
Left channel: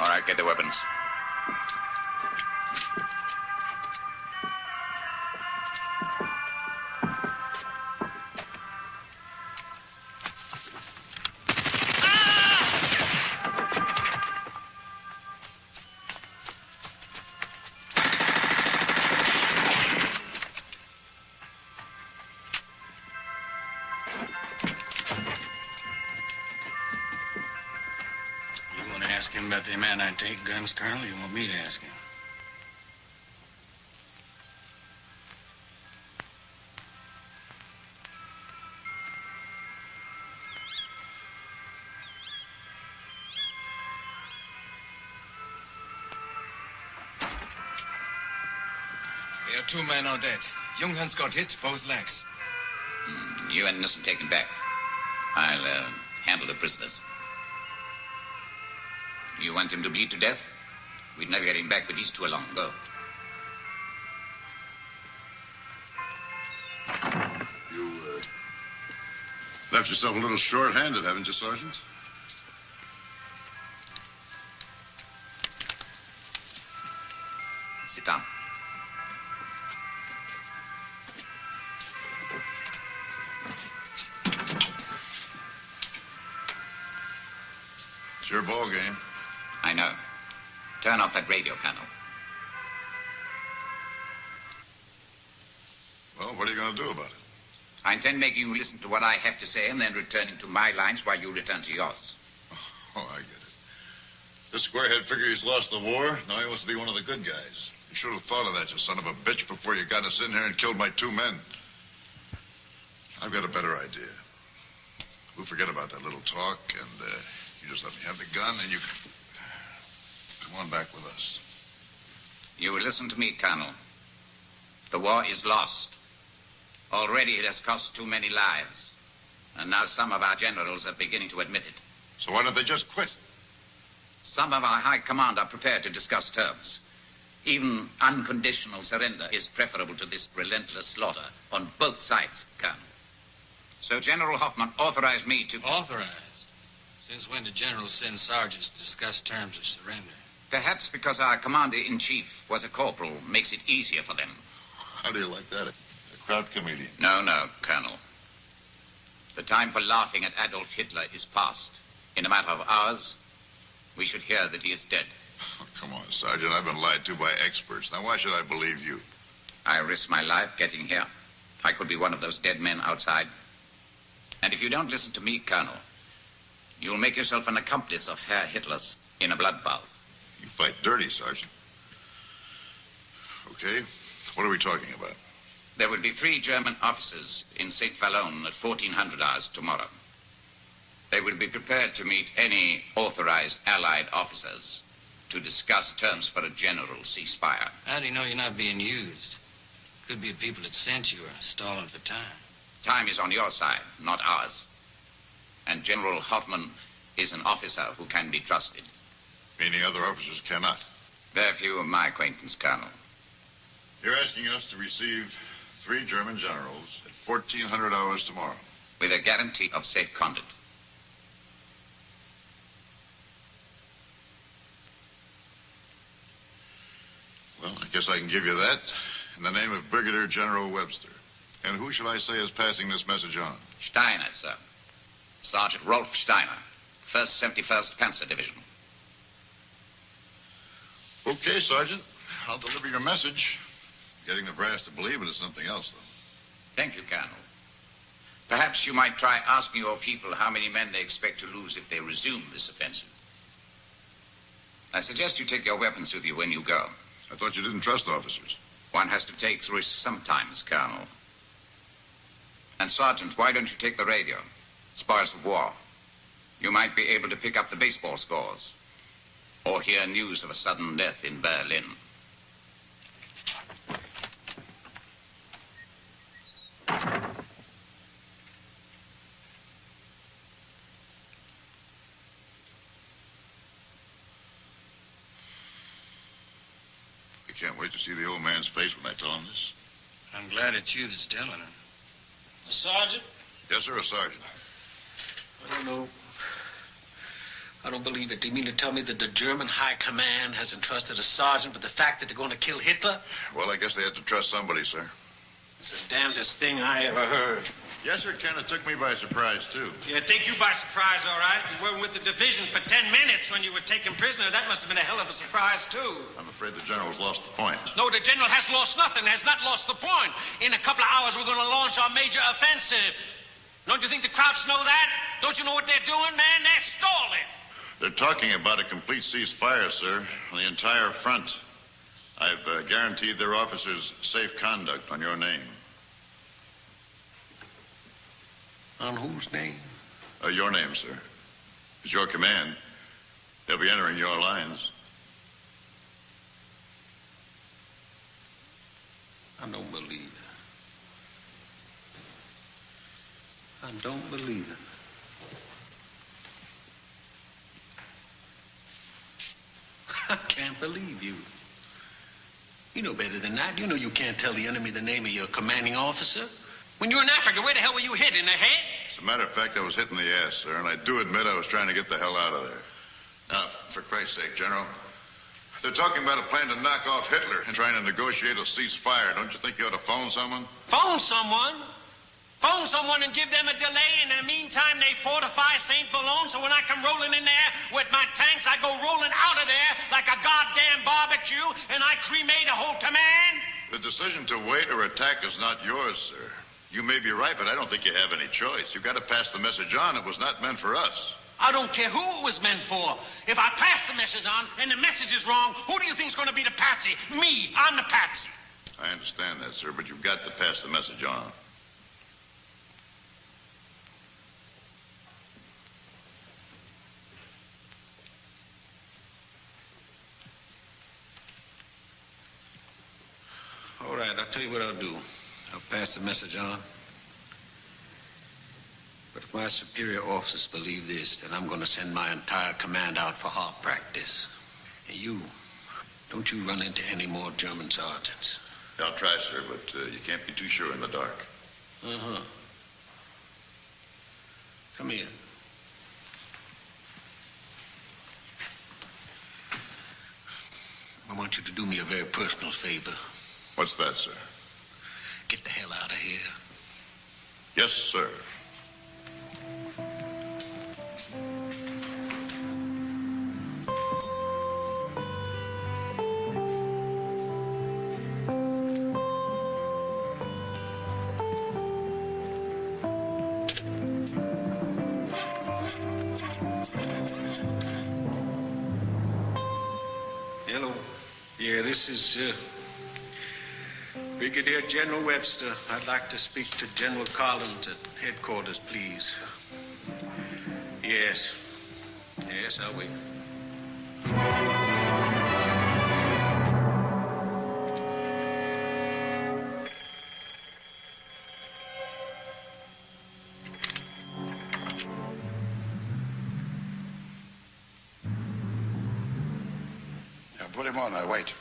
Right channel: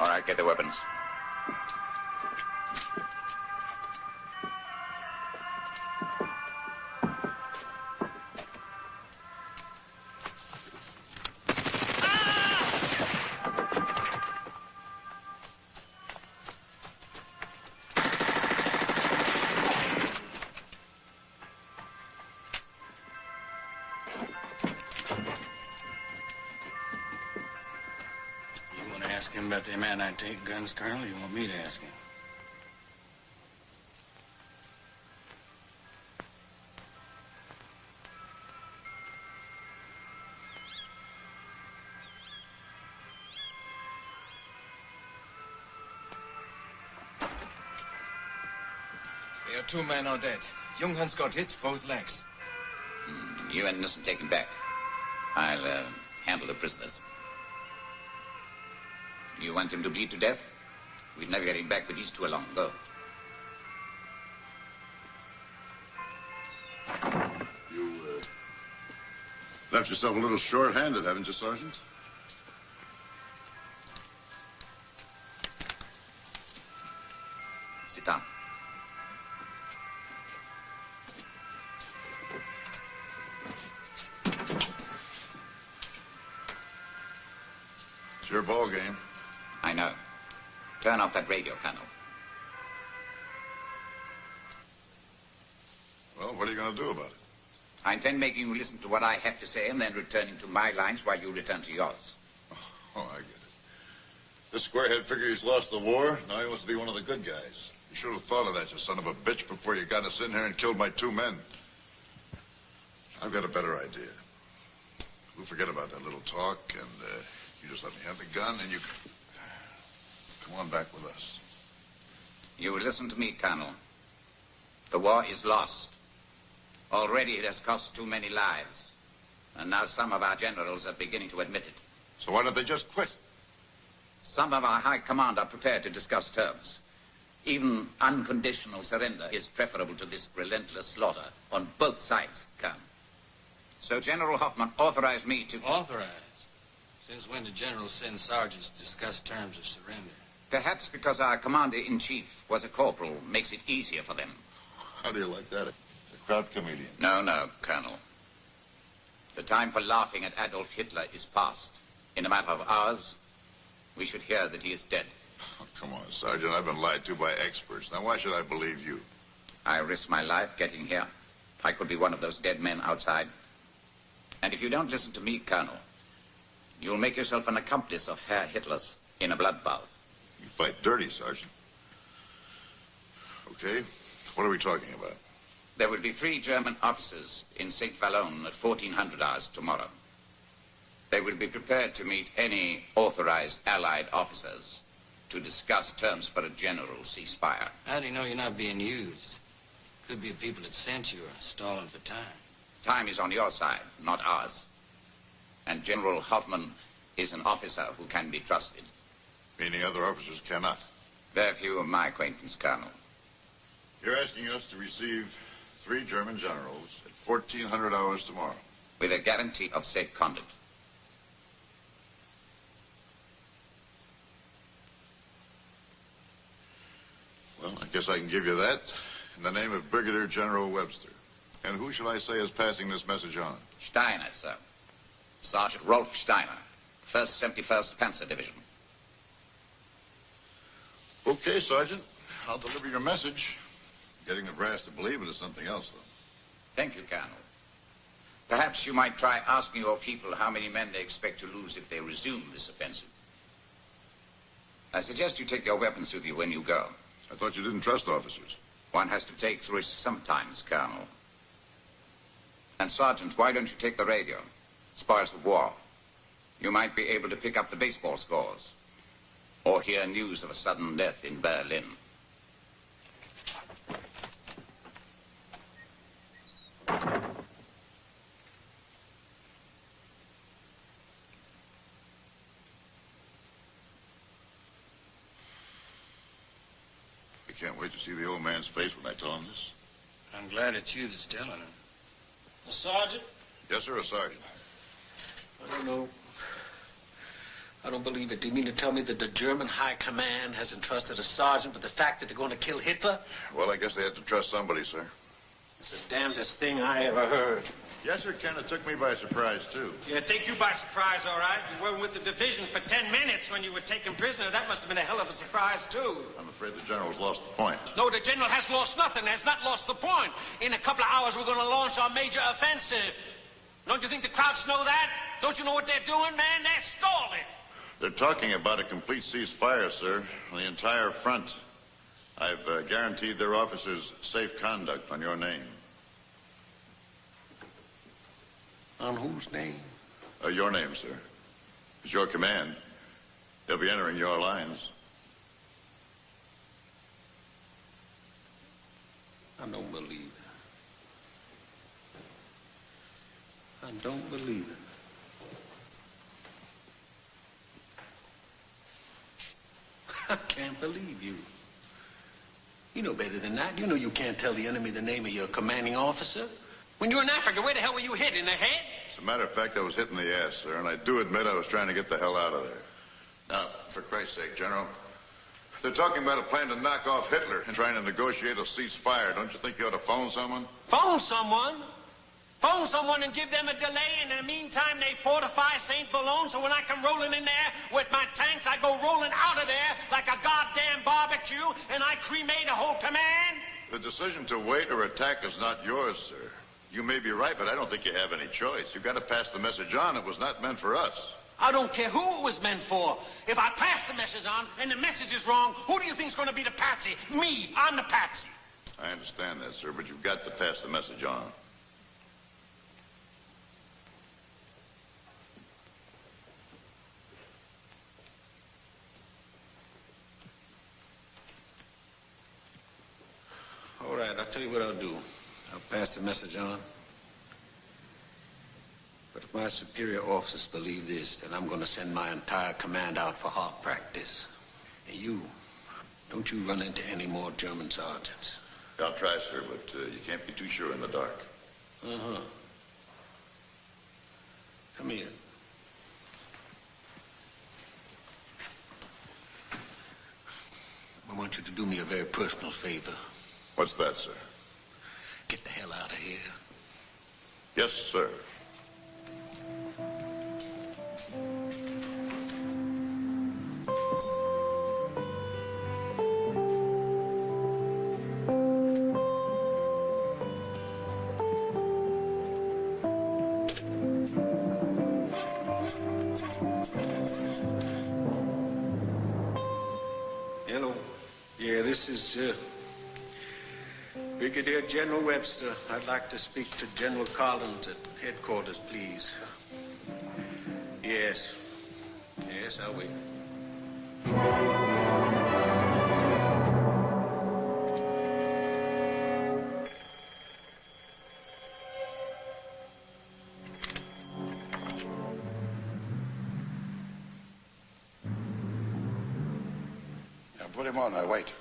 All right, get the weapons. You want to ask him about them anti-tank guns, Colonel, or you want me to ask him? There are 2 men are dead. Junghans got hit, both legs. You and Nissen taken back. I'll handle the prisoners. You want him to bleed to death? We'd never get him back with these 2 along. Go. You, left yourself a little short-handed, haven't you, Sergeant? Sit down. your ball game. I know. Turn off that radio, Colonel. Well, what are you going to do about it? I intend making you listen to what I have to say and then returning to my lines while you return to yours. Oh, I get it. This squarehead figure he's lost the war. Now he wants to be one of the good guys. You should have thought of that, you son of a bitch, before you got us in here and killed my 2 men. I've got a better idea. We'll forget about that little talk, and you just let me have the gun, and you come on back with us. You will listen to me, Colonel. The war is lost. Already it has cost too many lives. And now some of our generals are beginning to admit it. So why don't they just quit? Some of our high command are prepared to discuss terms. Even unconditional surrender is preferable to this relentless slaughter on both sides, Colonel. So General Hoffman authorized me to... Authorized? Since when did generals send sergeants to discuss terms of surrender? Perhaps because our commander-in-chief was a corporal makes it easier for them. How do you like that? A crowd comedian? No, Colonel. The time for laughing at Adolf Hitler is past. In a matter of hours, we should hear that he is dead. Oh, come on, Sergeant. I've been lied to by experts. Now, why should I believe you? I risked my life getting here. I could be one of those dead men outside. And if you don't listen to me, Colonel, you'll make yourself an accomplice of Herr Hitler's in a bloodbath. You fight dirty, Sergeant. Okay, what are we talking about? There will be 3 German officers in St. Vallon at 1400 hours tomorrow. They will be prepared to meet any authorized Allied officers to discuss terms for a general ceasefire. How do you know you're not being used? Could be people that sent you are stalling for time. Time is on your side, not ours. And General Hoffman is an officer who can be trusted. Meaning other officers cannot? Very few of my acquaintance, Colonel. You're asking us to receive 3 German generals at 1400 hours tomorrow. With a guarantee of safe conduct. Well, I guess I can give you that in the name of Brigadier General Webster. And who shall I say is passing this message on? Steiner, sir. Sergeant Rolf Steiner, 1st 71st Panzer Division. Okay, Sergeant. I'll deliver your message. Getting the brass to believe it is something else, though. Thank you, Colonel. Perhaps you might try asking your people how many men they expect to lose if they resume this offensive. I suggest you take your weapons with you when you go. I thought you didn't trust officers. One has to take risks sometimes, Colonel. And, Sergeant, why don't you take the radio? Spoils of war. You might be able to pick up the baseball scores. Or hear news of a sudden death in Berlin. I can't wait to see the old man's face when I tell him this. I'm glad it's you that's telling him. A sergeant? Yes, sir, a sergeant. I don't know. I don't believe it. Do you mean to tell me that the German high command has entrusted a sergeant with the fact that they're going to kill Hitler? Well, I guess they had to trust somebody, sir. It's the damnedest thing I ever heard. Yes, sir, it kind of took me by surprise, too. Yeah, take you by surprise, all right. You weren't with the division for 10 minutes when you were taken prisoner. That must have been a hell of a surprise, too. I'm afraid the general's lost the point. No, the general has lost nothing, has not lost the point. In a couple of hours, we're going to launch our major offensive. Don't you think the Krauts know that? Don't you know what they're doing, man? They're stalling. They're talking about a complete ceasefire, sir, on the entire front. I've guaranteed their officers safe conduct on your name. On whose name? Your name, sir. It's your command. They'll be entering your lines. I don't believe it. I don't believe it. I can't believe you. You know better than that. You know you can't tell the enemy the name of your commanding officer. When you were in Africa, where the hell were you hit? In the head? As a matter of fact, I was hit in the ass, sir, and I do admit I was trying to get the hell out of there. Now, for Christ's sake, General, they're talking about a plan to knock off Hitler and trying to negotiate a ceasefire. Don't you think you ought to phone someone? Phone someone? Phone someone and give them a delay, and in the meantime, they fortify St. Boulogne, so when I come rolling in there with my tanks, I go rolling out of there like a goddamn barbecue, and I cremate a whole command? The decision to wait or attack is not yours, sir. You may be right, but I don't think you have any choice. You've got to pass the message on. It was not meant for us. I don't care who it was meant for. If I pass the message on and the message is wrong, who do you think's going to be the patsy? Me. I'm the patsy. I understand that, sir, but you've got to pass the message on. All right, I'll tell you what I'll do. I'll pass the message on. But if my superior officers believe this, then I'm going to send my entire command out for hard practice. And you, don't you run into any more German sergeants. I'll try, sir, but you can't be too sure in the dark. Uh-huh. Come here. I want you to do me a very personal favor. What's that, sir? Get the hell out of here. Yes, sir. Hello. Yeah, this is, Brigadier General Webster. I'd like to speak to General Collins at headquarters, please. Yes. Yes, I'll wait. Yeah, put him on. I wait.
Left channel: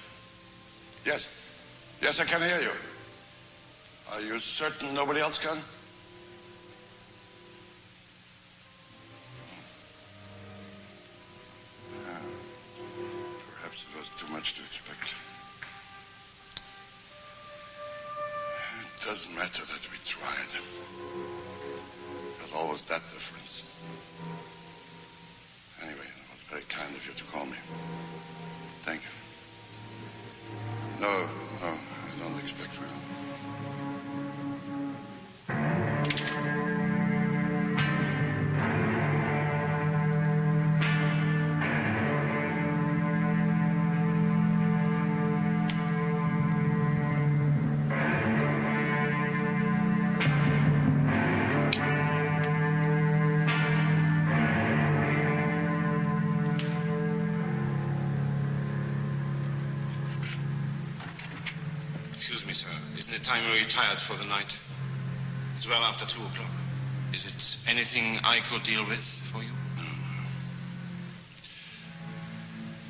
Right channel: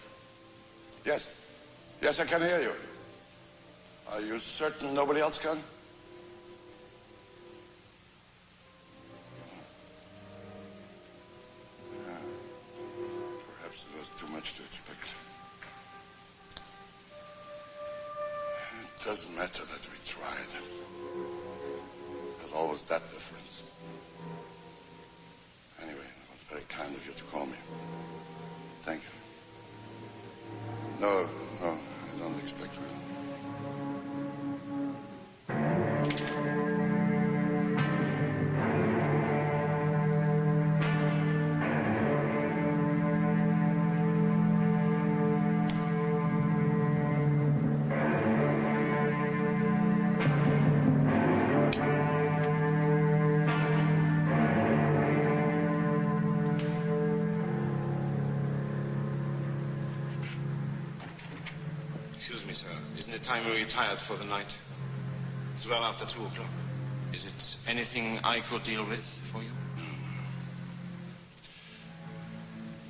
Yes. Yes, I can hear you. Are you certain nobody else can? Yeah. Perhaps it was too much to expect. It doesn't matter that we tried. There's always that difference. Anyway, it was very kind of you to call me. Thank you. No, I don't expect well. Excuse me, sir. Isn't it time we retired for the night? It's well after 2 o'clock. Is it anything I could deal with for you?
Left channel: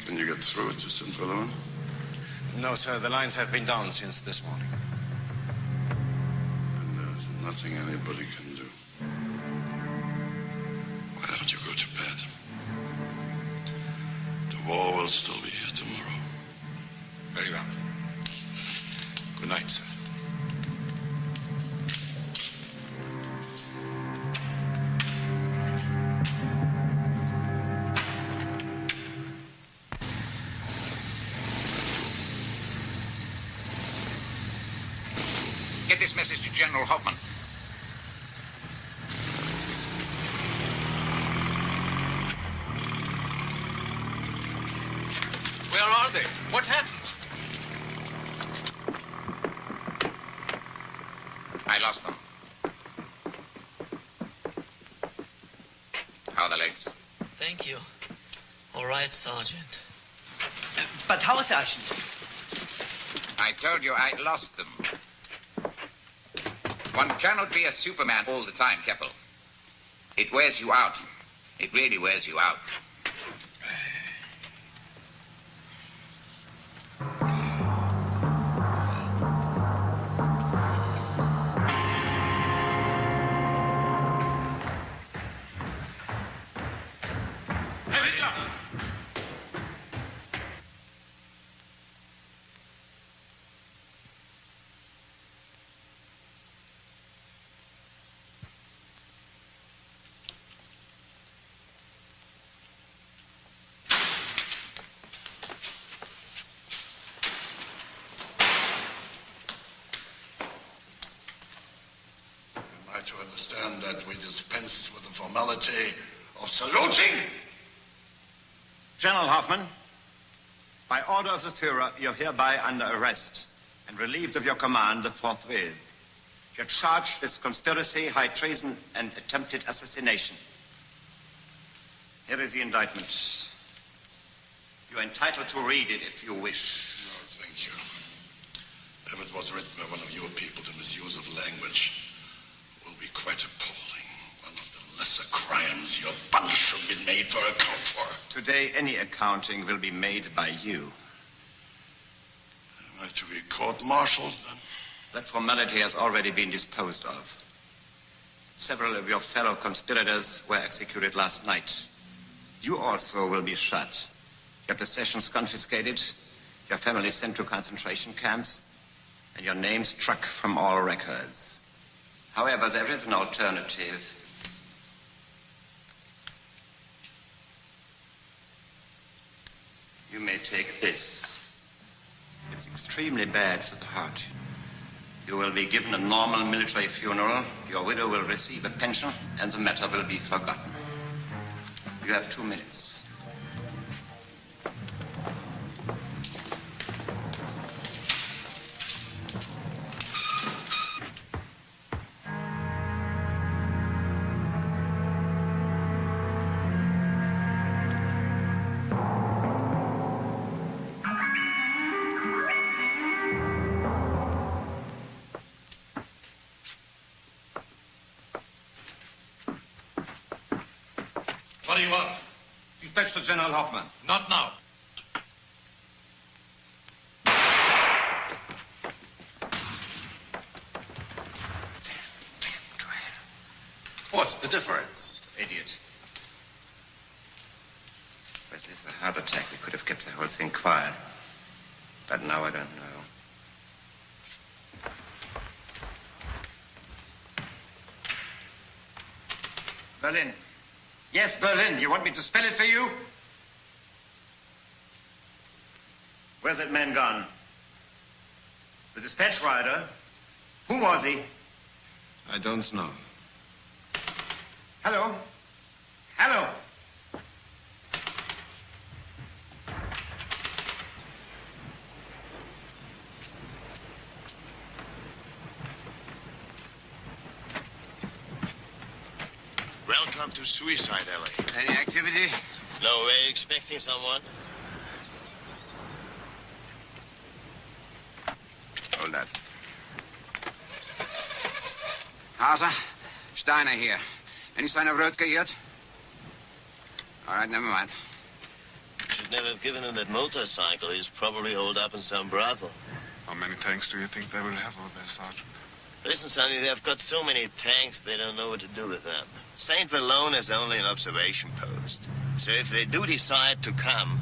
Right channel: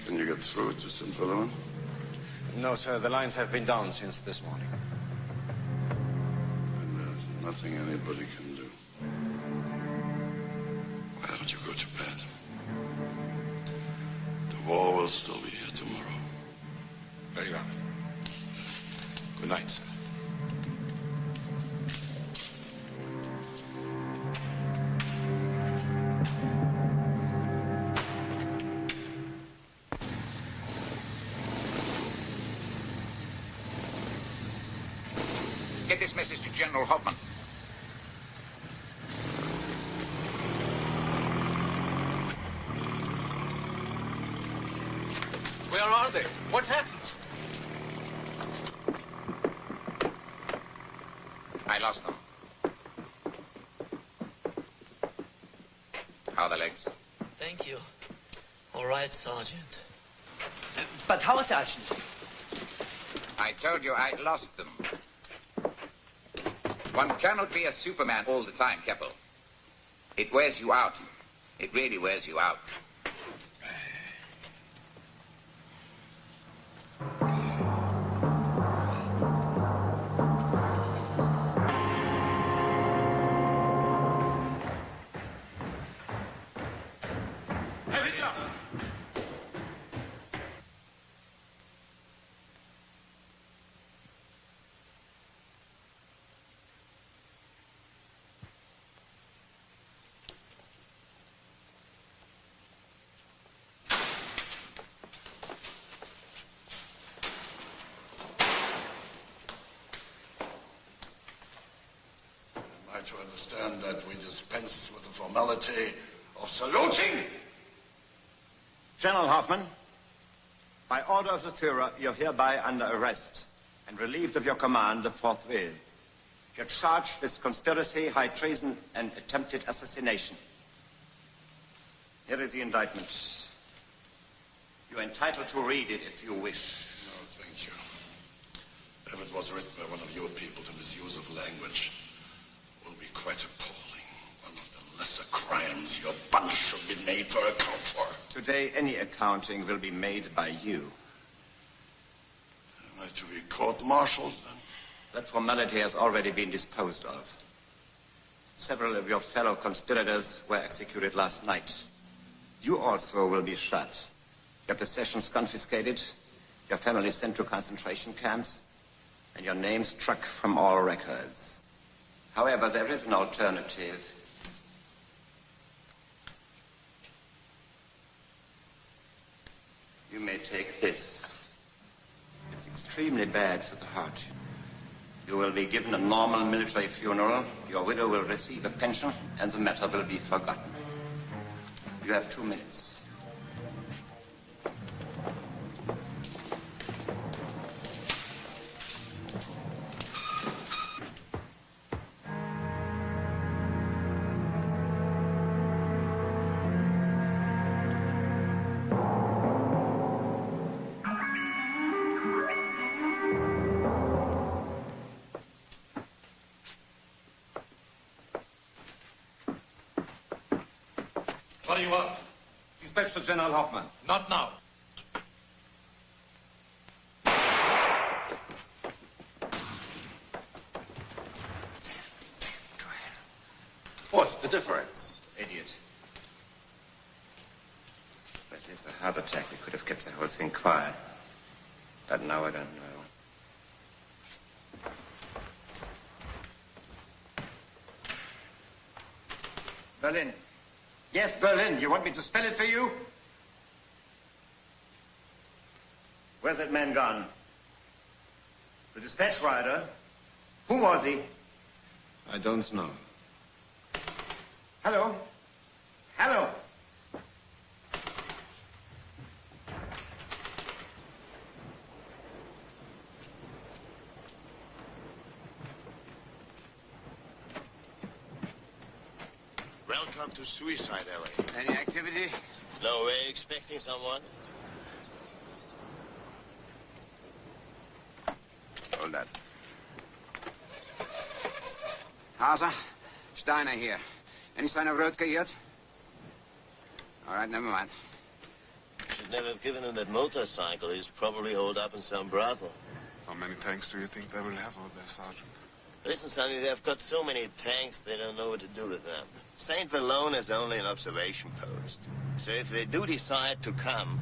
Can you get through to St. Boulogne? No, sir. The lines have been down since this morning. And there's nothing anybody can do. Why don't you go to bed? The war will still be here tomorrow. Very well. Good night, sir. Get this message to General Hoffman. Where are they? What happened? I lost them. How are the legs? Thank you. All right, Sergeant. But how, Sergeant? I told you I lost them. One cannot be a Superman all the time, Keppel. It wears you out. It really wears you out. understand that we dispense with the formality of saluting. General Hoffman, by order of the Führer, you're hereby under arrest and relieved of your command forthwith. You're charged with conspiracy, high treason, and attempted assassination. Here is the indictment. You're entitled to read it if you wish. No, thank you. If it was written by one of your people, the misuse of language will be quite appalling. One of the lesser crimes your bunch should be made for account for. Today, any accounting will be made by you. Am I to be court-martialed, then? That formality has already been disposed of. Several of your fellow conspirators were executed last night. You also will be shot. Your possessions confiscated, your family sent to concentration camps, and your name struck from all records. However, there is an alternative. You may take this. It's extremely bad for the heart. You will be given a normal military funeral, your widow will receive a pension, and the matter will be forgotten. You have 2 minutes. What do you want? Dispatch to General Hoffman. Not now. What's the difference? Idiot. Was this a heart attack? We could have kept the whole thing quiet. But now I don't know. Berlin. Yes, Berlin. You want me to spell it for you? Where's that man gone? The dispatch rider? Who was he? I don't know. Hello? Hello? Welcome to Suicide Alley. Any activity? No, we're expecting someone. Hold that. Hauser, Steiner here. Any sign of Rödke yet? All right, never mind. Should never have given him that motorcycle. He's probably holed up in some brothel. How many tanks do you think they will have over there, Sergeant? Listen, Sonny, they've got so many tanks, they don't know what to do with them. St. Valone is only an observation post. So if they do decide to come,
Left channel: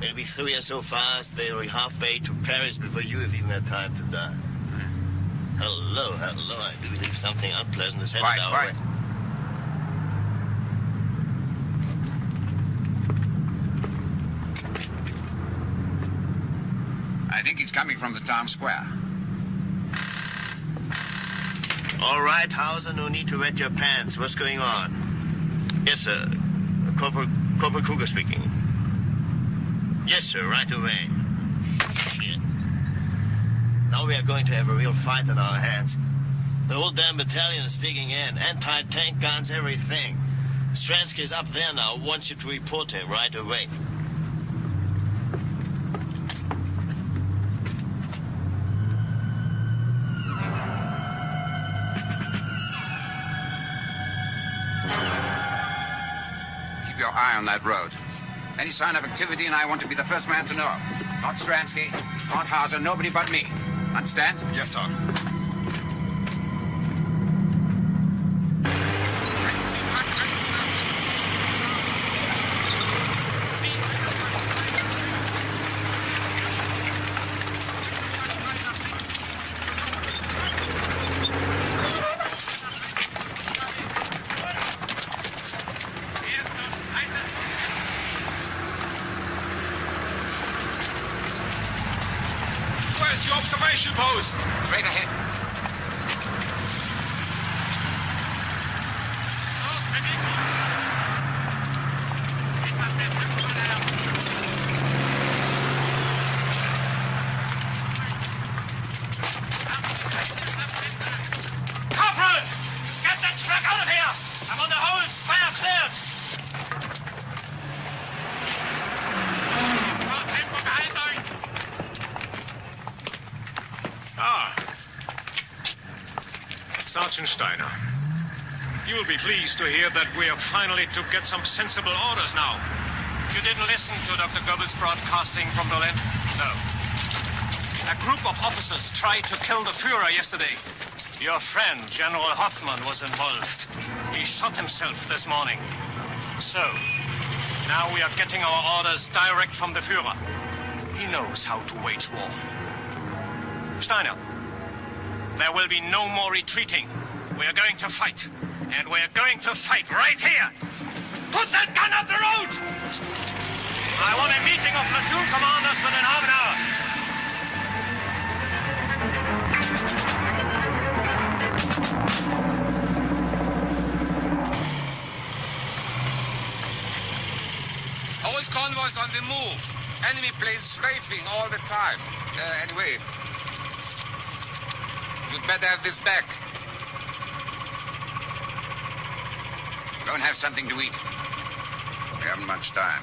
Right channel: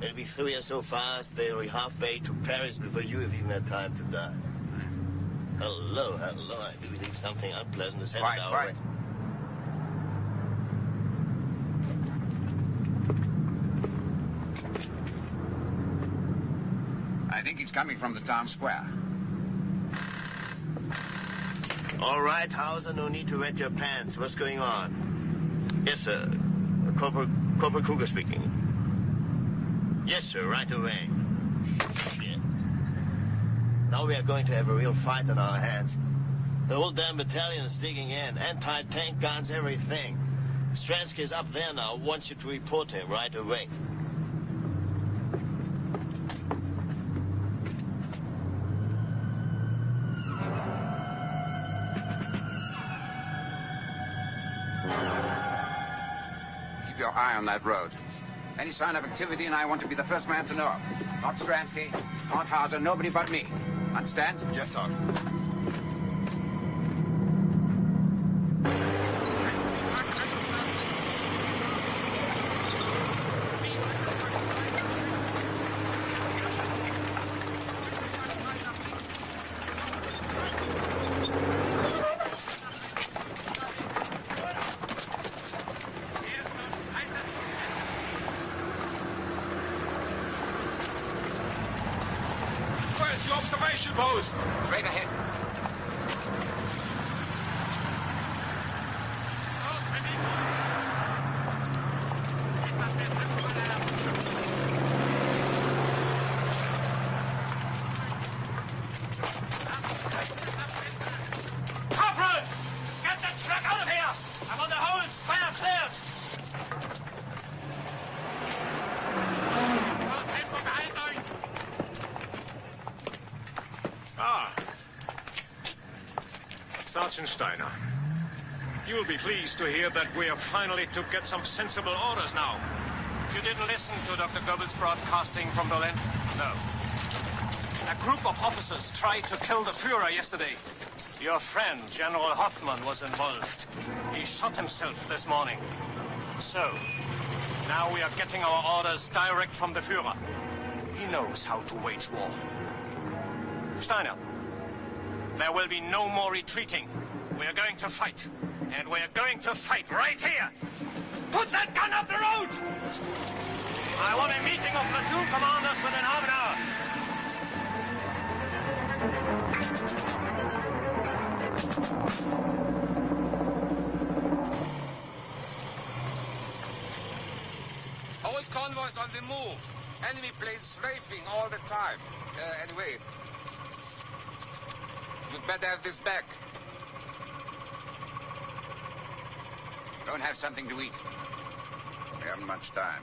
they'll be through here so fast they'll be halfway to Paris before you have even had time to die. Hello, hello. I do believe something unpleasant is headed our way. I think he's coming from the town square. All right, Hauser, no need to wet your pants. What's going on? Yes, sir. Corporal Kruger speaking. Yes, sir, right away. Shit. Now we are going to have a real fight on our hands. The whole damn battalion is digging in. Anti-tank guns, everything. Stransky is up there now. Wants you to report him right away. Keep your eye on that road. Any sign of activity, and I want to be the first man to know. Not Stransky, not Hauser, nobody but me. Understand? Yes, sir. Where's your observation post? Straight ahead. Sergeant Steiner. You'll be pleased to hear that we are finally to get some sensible orders now. You didn't listen to Dr. Goebbels' broadcasting from Berlin? No. A group of officers tried to kill the Führer yesterday. Your friend, General Hoffman, was involved. He shot himself this morning. So, now we are getting our orders direct from the Führer. He knows how to wage war. Steiner, there will be no more retreating. We are going to fight. And we are going to fight right here. Put that gun up the road! I want a meeting of platoon commanders within half an hour. All convoys on the move. Enemy planes strafing all the time. Anyway, you'd better have this back. Go and have something to eat. We haven't much time.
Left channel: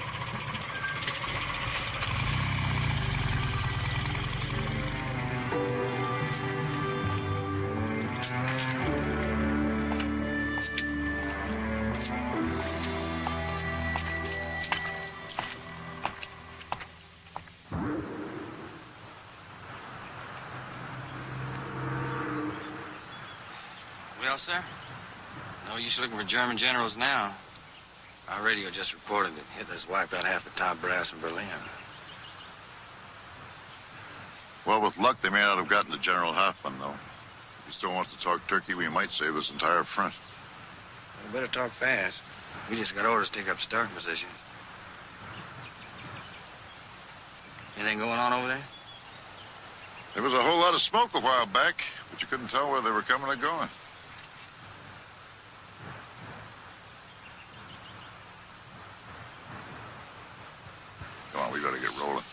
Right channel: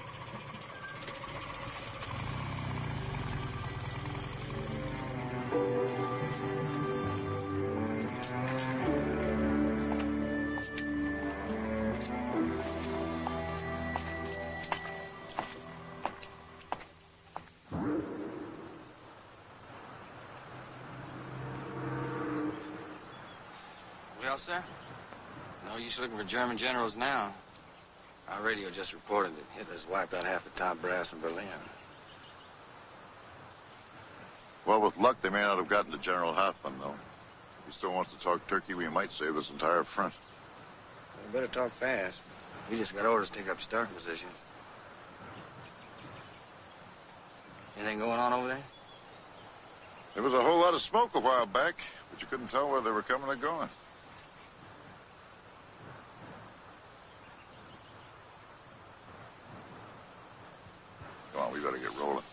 Well, sir? No use looking for German generals now. Our radio just reported that Hitler's wiped out half the top brass in Berlin. Well, with luck, they may not have gotten to General Hoffman, though. If he still wants to talk turkey, we might save this entire front. We better talk fast. We just got orders to take up starting positions. Anything going on over there? There was a whole lot of smoke a while back, but you couldn't tell where they were coming or going. Come on, we better get rolling.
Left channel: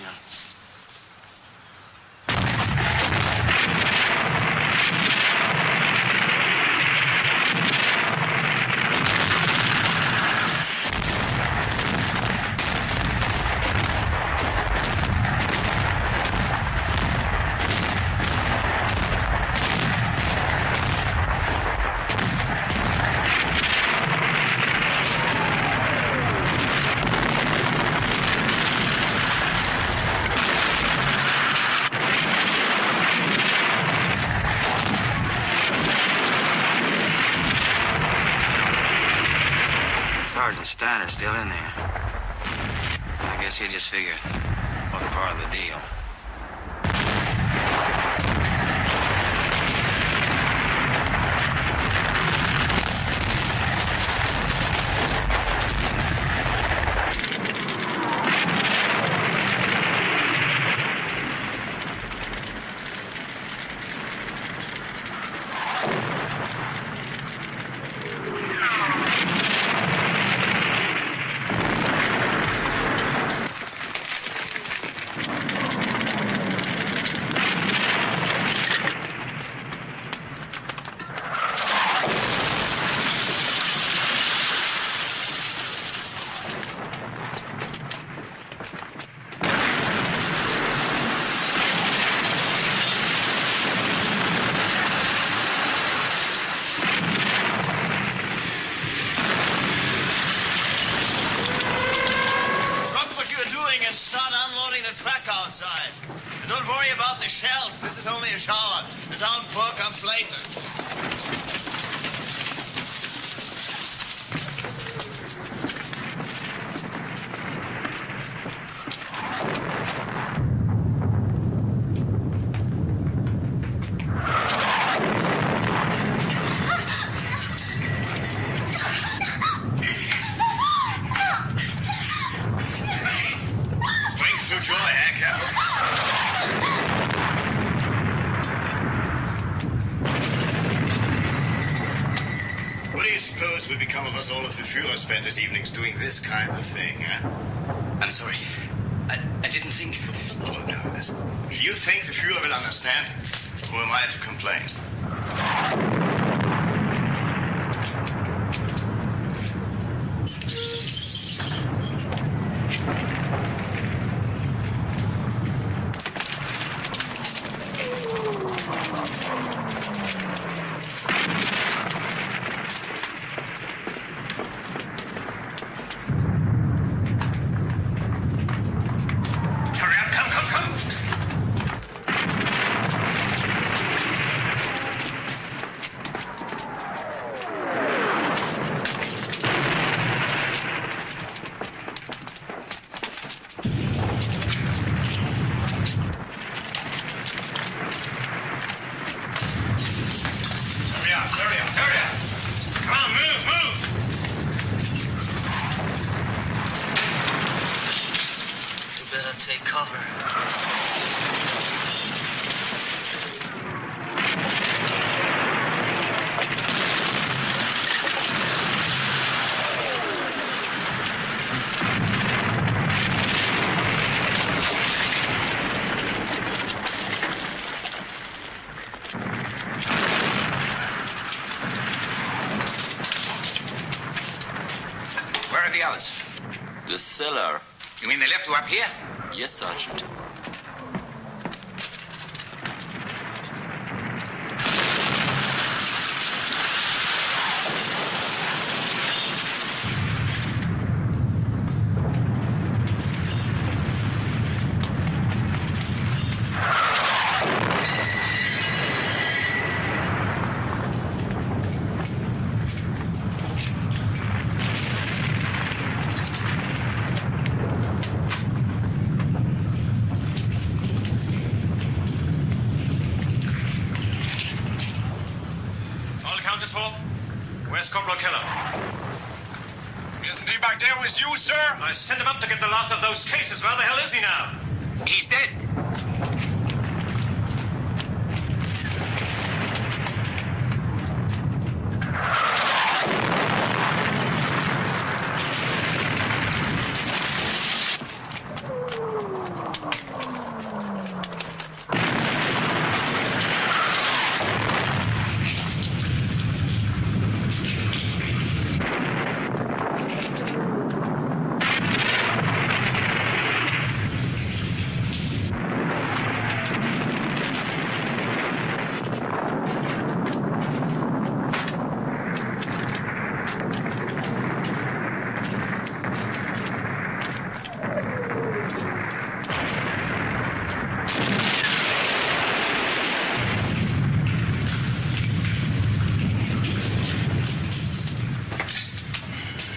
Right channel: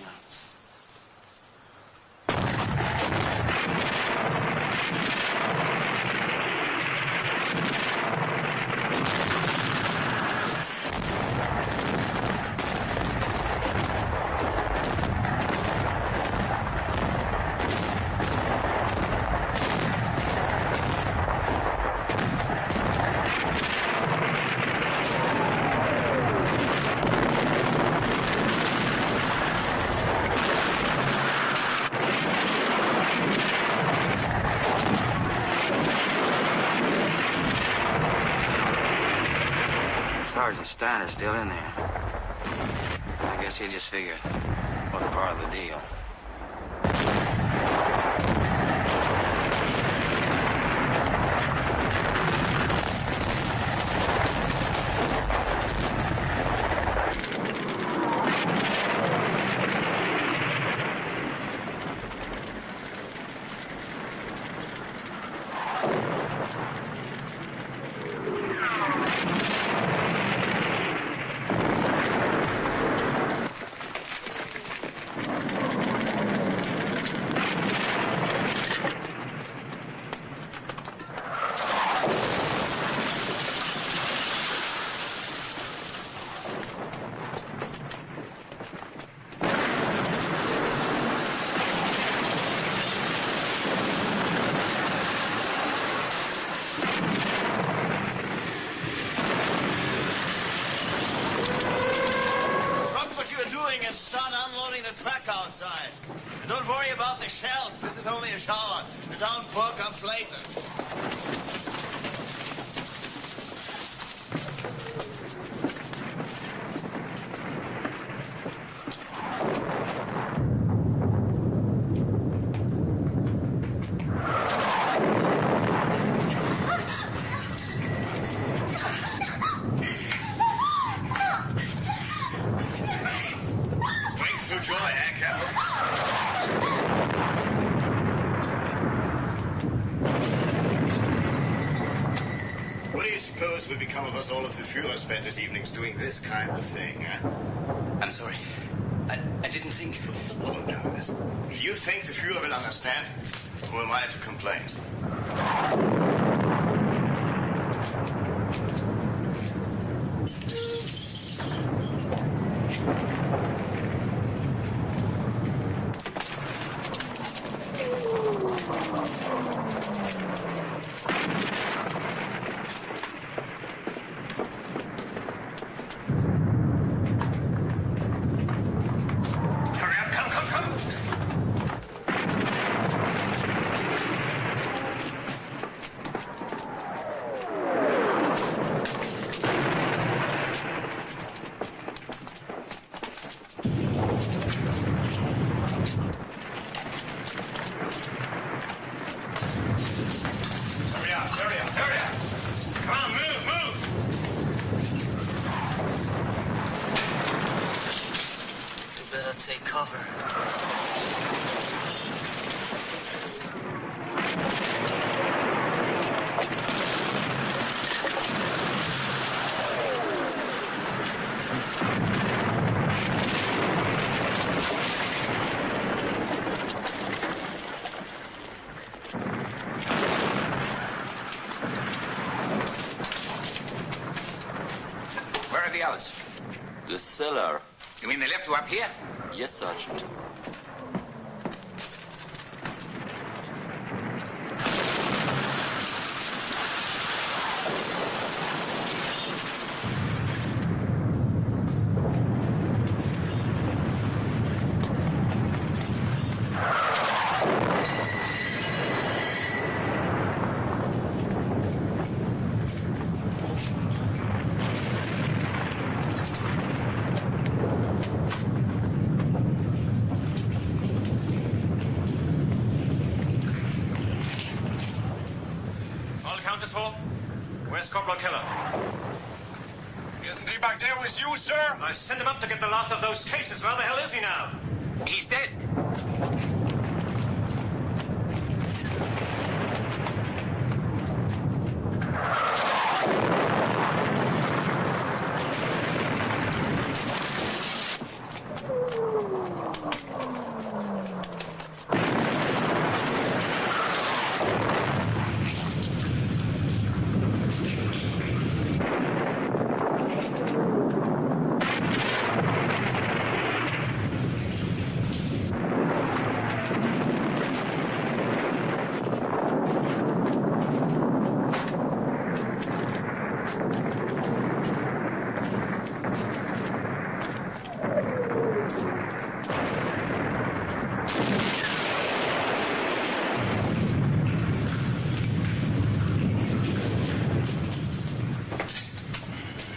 Yeah. Sergeant Steiner's still in there. I guess he just figured what part of the deal. And start unloading the truck outside. And don't worry about the shells. This is only a shower. The downpour comes later. Would become of us all if the Führer spent his evenings doing this kind of thing, huh? I'm sorry. I didn't think. Apologize. If you think the Führer will understand, who am I to complain? Hurry up, hurry up. Come on, move, move. You better take cover. The cellar. You mean they left you up here? Yes, Sergeant. Where's Corporal Keller? Isn't he back there with you, sir? I sent him up to get the last of those cases. Where the hell is he now? He's dead.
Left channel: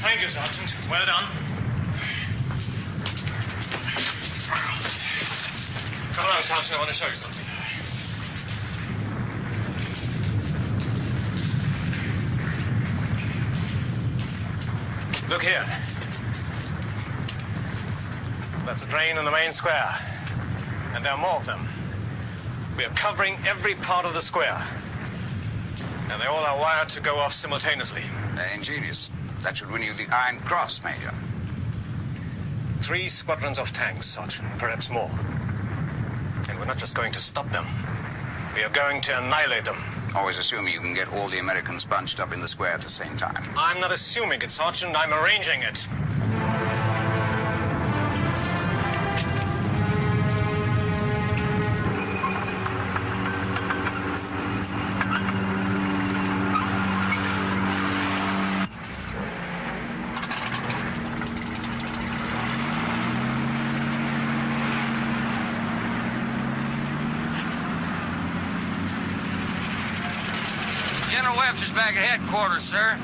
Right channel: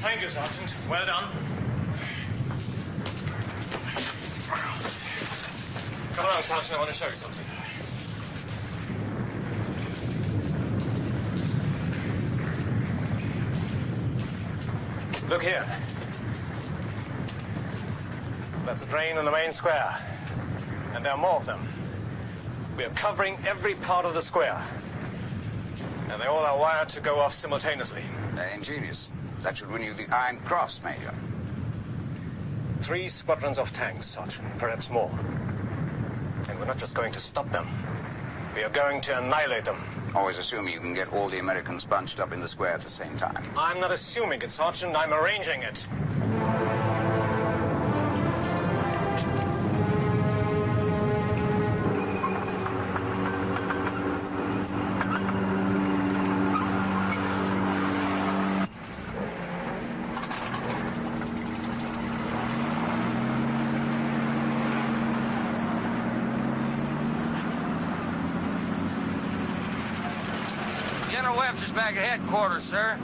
Thank you, Sergeant. Well done. Come along, Sergeant. I want to show you something. Look here. That's a drain in the main square. And there are more of them. We are covering every part of the square. And they all are wired to go off simultaneously. Ingenious. That should win you the Iron Cross, Major. 3 squadrons of tanks, Sergeant, perhaps more. And we're not just going to stop them. We are going to annihilate them. Always assuming you can get all the Americans bunched up in the square at the same time. I'm not assuming it, Sergeant. I'm arranging it. Webster's back at headquarters, sir.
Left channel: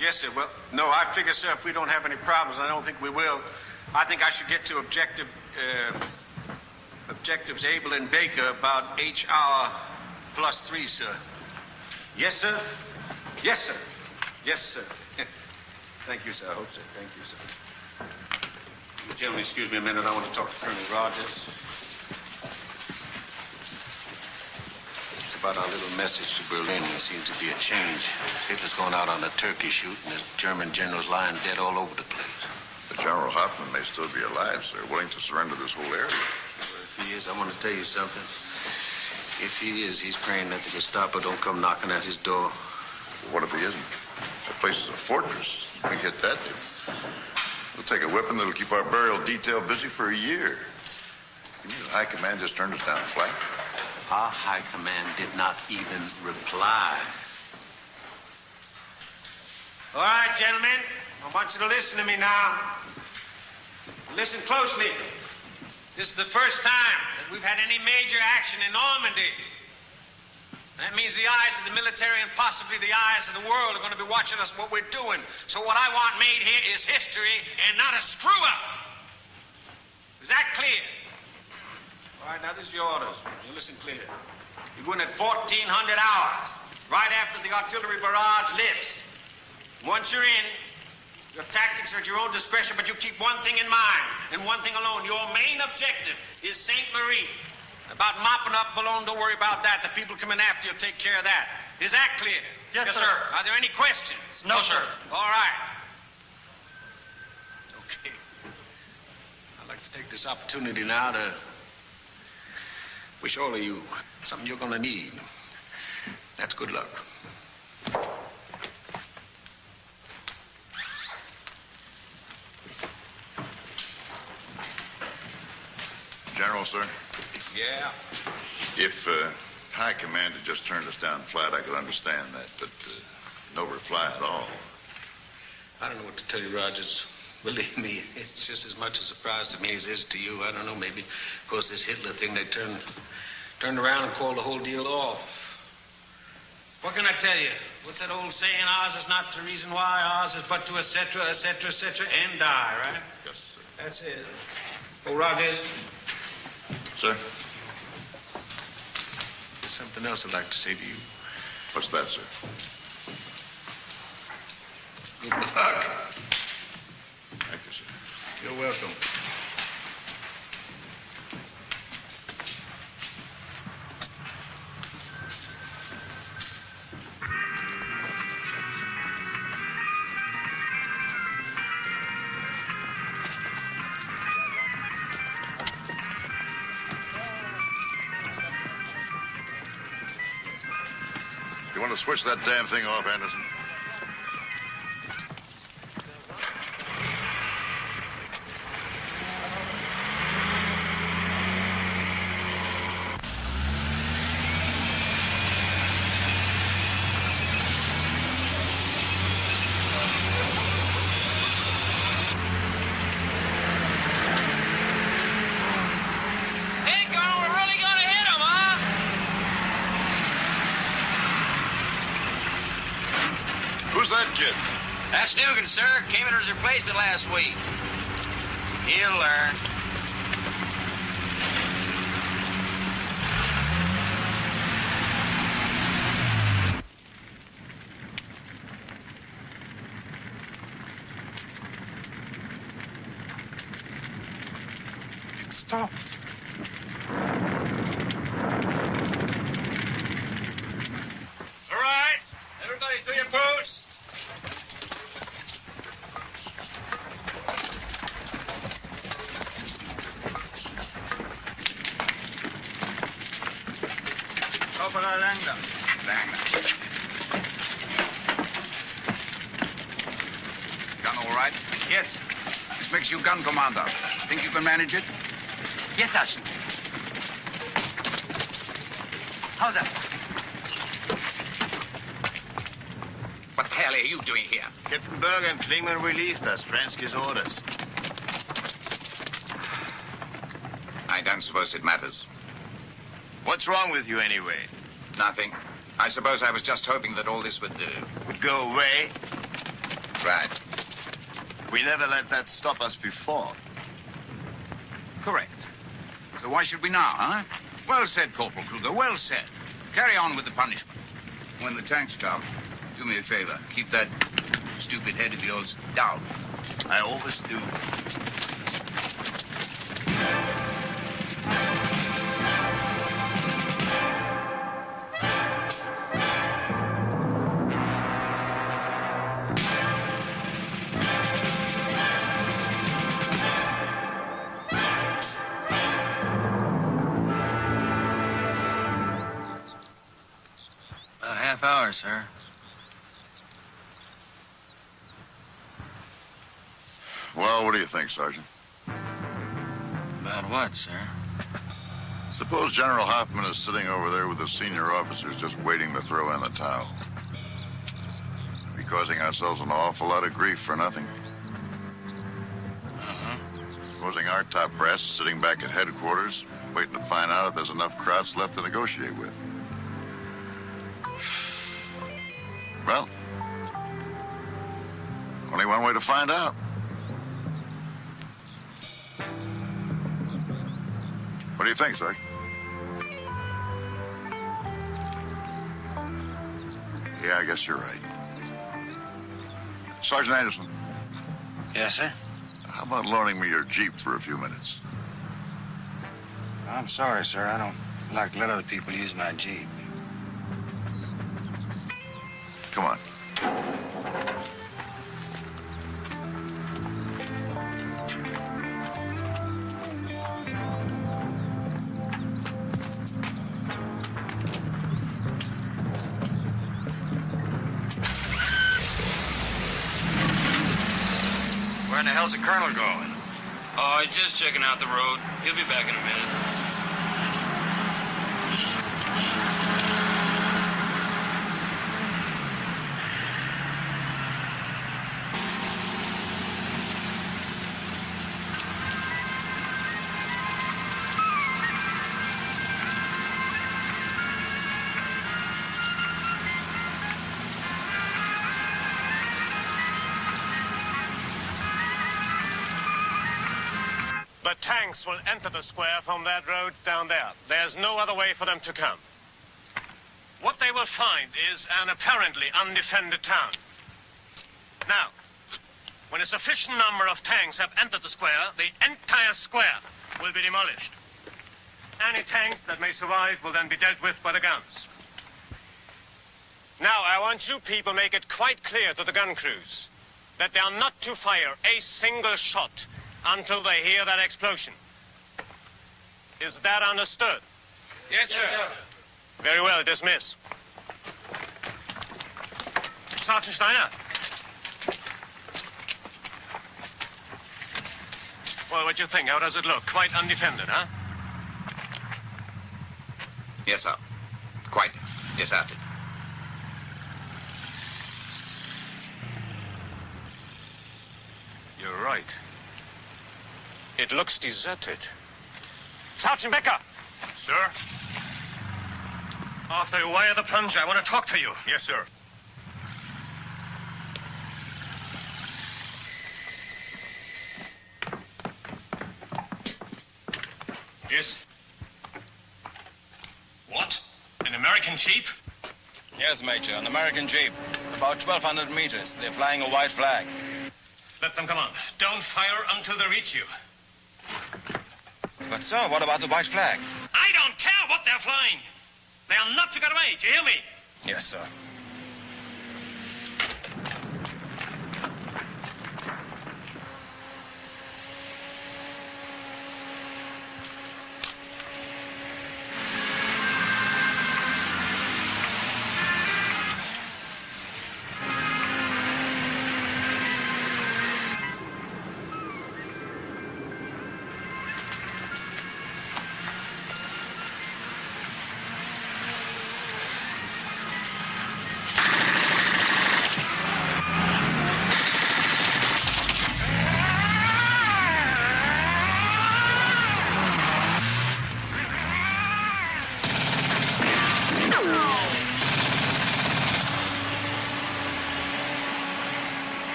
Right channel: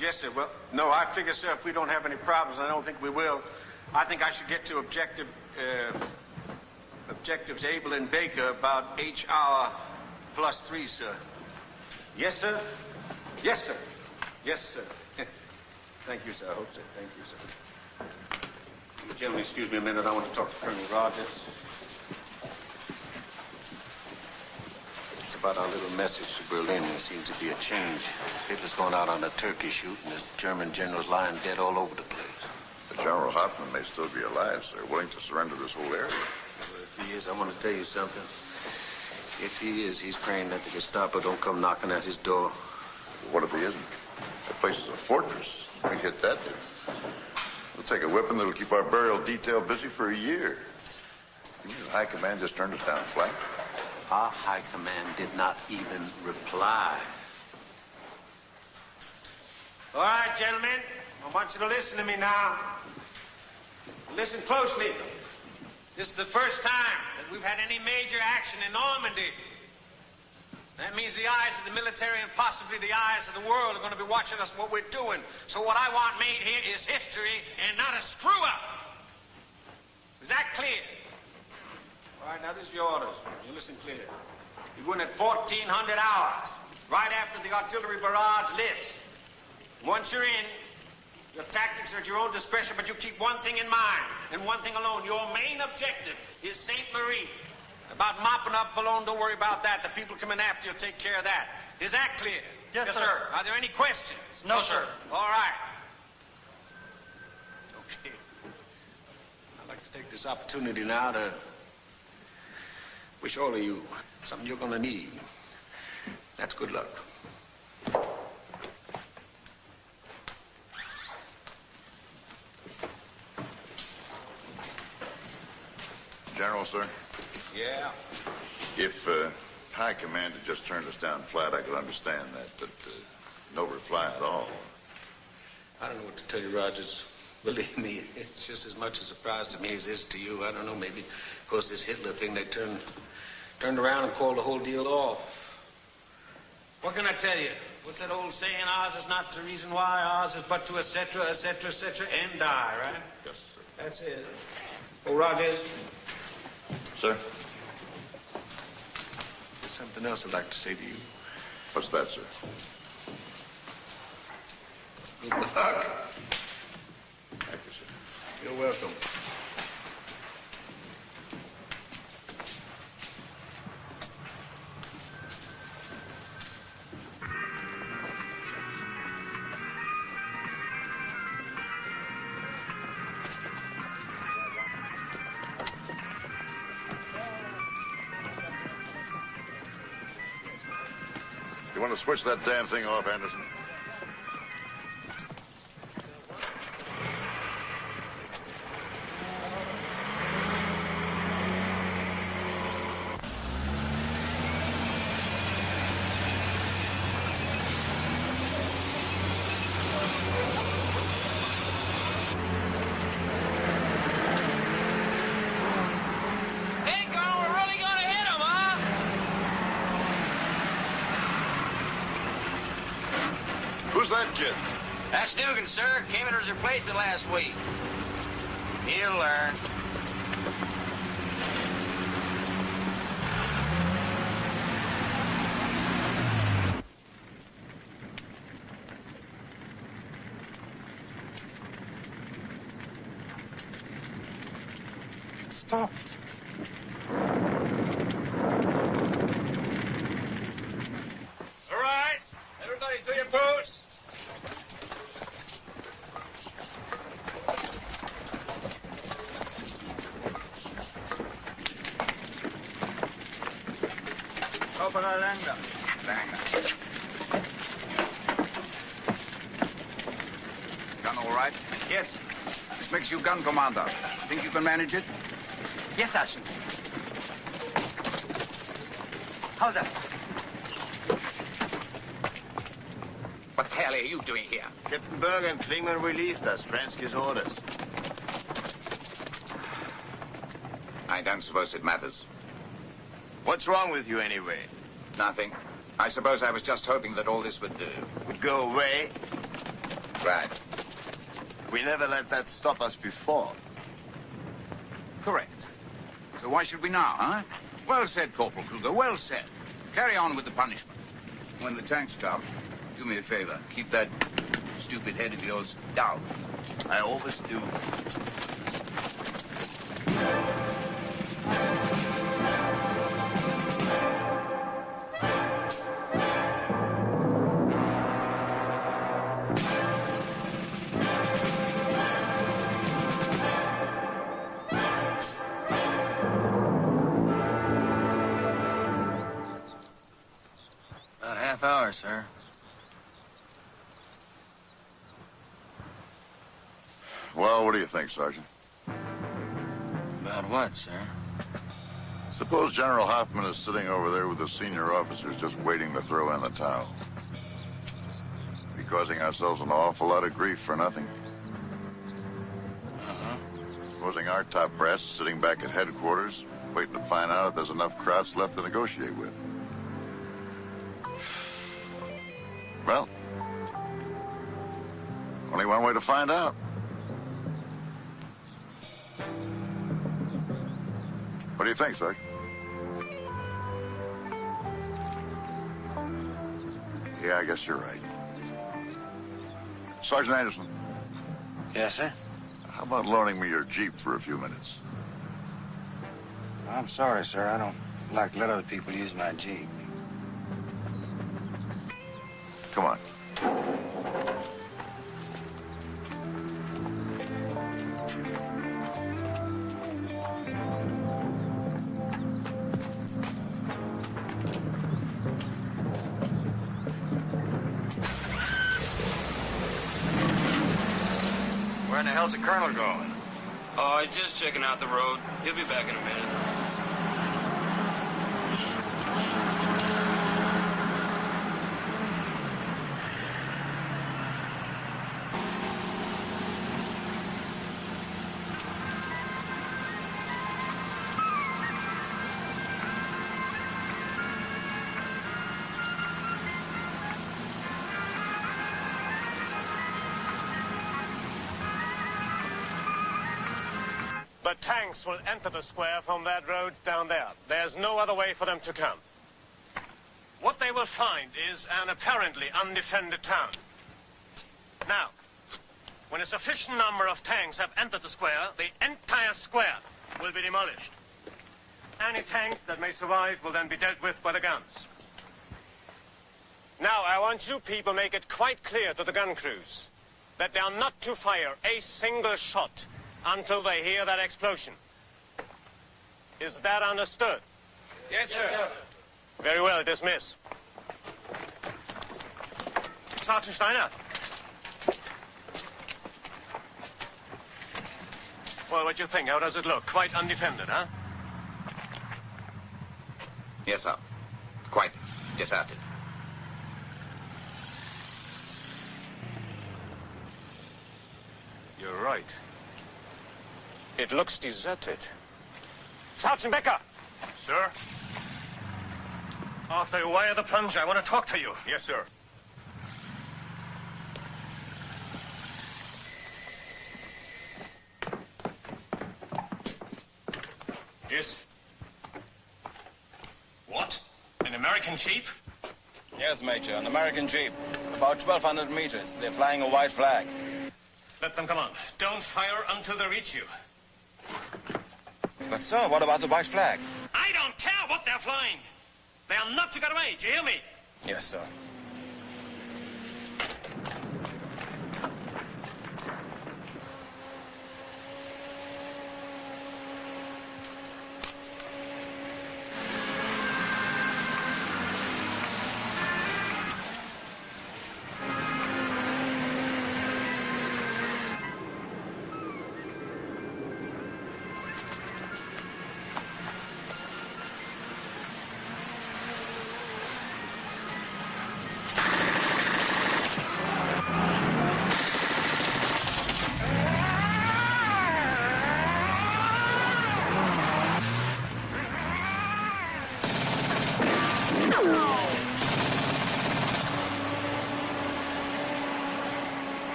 Yes, sir. Well, no, I figure, sir, if we don't have any problems, and I don't think we will, I think I should get to objectives Able and Baker about H-hour +3, sir. Yes, sir? Yes, sir. Yes, sir. Thank you, sir. I hope so. Thank you, sir. You gentlemen, excuse me a minute. I want to talk to Colonel Rogers. It's about our little message to Berlin. There seems to be a change. Hitler's going out on a turkey shoot, and this German general's lying dead all over the place. But General Hoffman may still be alive, sir, willing to surrender this whole area. Well, if he is, I want to tell you something. If he is, he's praying that the Gestapo don't come knocking at his door. But what if he isn't? That place is a fortress. We get that, dude. We'll take a whipping that'll keep our burial detail busy for a year. You mean the high command just turned us down flat? Our high command did not even reply. All right, gentlemen, I want you to listen to me now. Listen closely. This is the first time that we've had any major action in Normandy. That means the eyes of the military and possibly the eyes of the world are going to be watching us, what we're doing. So what I want made here is history and not a screw-up. Is that clear? All right, now this is your orders. You listen clear. You go in at 1400 hours, right after the artillery barrage lifts. Once you're in, your tactics are at your own discretion, but you keep one thing in mind, and one thing alone. Your main objective is St. Marie. About mopping up Boulogne, don't worry about that. The people coming after you will take care of that. Is that clear? Yes, sir. Are there any questions? No, sir. All right. Okay. I'd like to take this opportunity now to wish all of you something you're going to need. That's good luck. General, sir? Yeah? If High Command had just turned us down flat, I could understand that, but no reply at all. I don't know what to tell you, Rogers. Believe me, it's just as much a surprise to me as it is to you. I don't know, maybe, of course, this Hitler thing, they turned around and called the whole deal off. What can I tell you? What's that old saying? Ours is not to reason why, ours is but to et cetera, and die, right? Yes, sir. That's it. Oh, Rogers. Sir? There's something else I'd like to say to you. What's that, sir? Good luck. Thank you, sir. You're welcome. You want to switch that damn thing off, Anderson? Who's that kid? That's Dugan, sir. Came in as replacement last week. He'll learn. It stopped. All right. Everybody to your posts. Opera Langer. Gun all right? Yes. This makes you gun commander. Think you can manage it? Yes, Sergeant. How's that? What the hell are you doing here? Captain Berg and Klingman relieved us. Fransky's orders. I don't suppose it matters. What's wrong with you, anyway? Nothing. I suppose I was just hoping that all this would Would go away? Right. We never let that stop us before. Correct. So why should we now, huh? Well said, Corporal Kruger. Well said. Carry on with the punishment. When the tanks come, do me a favor. Keep that stupid head of yours down. I always do. About a half hour, sir. Well, what do you think, Sergeant? About what, sir? Suppose General Hoffman is sitting over there with the senior officers just waiting to throw in the towel. We're causing ourselves an awful lot of grief for nothing. Supposing our top brass is sitting back at headquarters, waiting to find out if there's enough Krauts left to negotiate with. Well, only one way to find out. What do you think, Sergeant? Yeah, I guess you're right. Sergeant Anderson. Yes, sir? How about loaning me your Jeep for a few minutes? I'm sorry, sir. I don't like to let other people use my Jeep. Come on. Where in the hell's the colonel going? Oh, he's just checking out the road. He'll be back in a minute. The tanks will enter the square from that road down there. There's no other way for them to come. What they will find is an apparently undefended town. Now, when a sufficient number of tanks have entered the square, the entire square will be demolished. Any tanks that may survive will then be dealt with by the guns. Now, I want you people to make it quite clear to the gun crews that they are not to fire a single shot until they hear that explosion. Is that understood? Yes, sir. Very well, dismiss. Sergeant Steiner. Well, what do you think? How does it look? Quite undefended, huh? Yes, sir. Quite deserted. You're right. It looks deserted. Sergeant Becker! Sir? After you wire the plunge, I want to talk to you. Yes, sir. Yes? What? An American Jeep? Yes, Major, an American Jeep. About 1,200 meters. They're flying a white flag. Let them come on. Don't fire until they reach you. But, sir, what about the white flag? I don't care what they're flying. They are not to get away. Do you hear me? Yes, sir.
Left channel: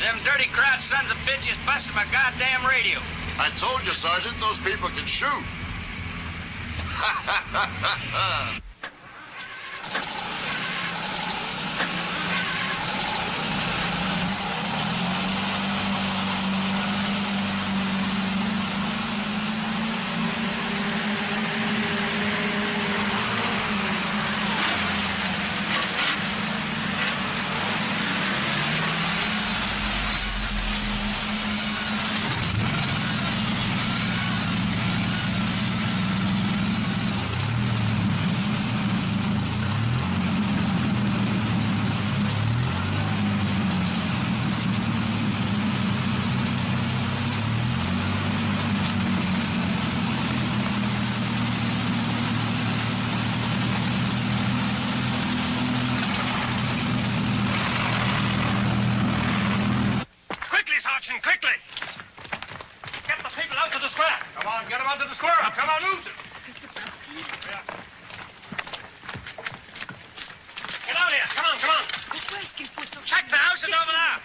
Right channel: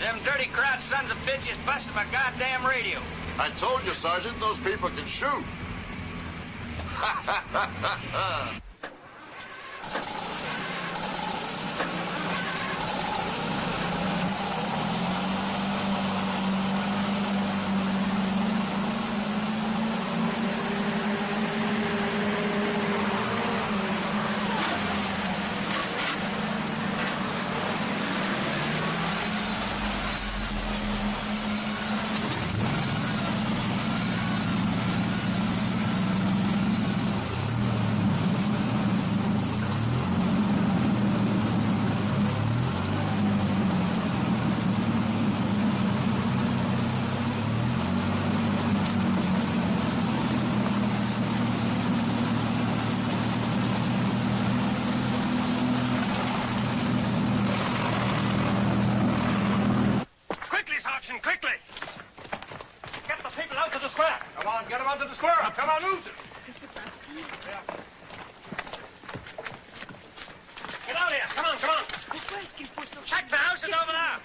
Them dirty Kraut sons of bitches busted my goddamn radio. I told you, Sergeant, those people can shoot. Sergeant, quickly! Get the people out to the square. Come on, get them out to the square. Come on, move them. Que se passe-t-il? Get out here. Come on, come on. Pourquoi est-ce qu'il faut sortir? Check the houses over there.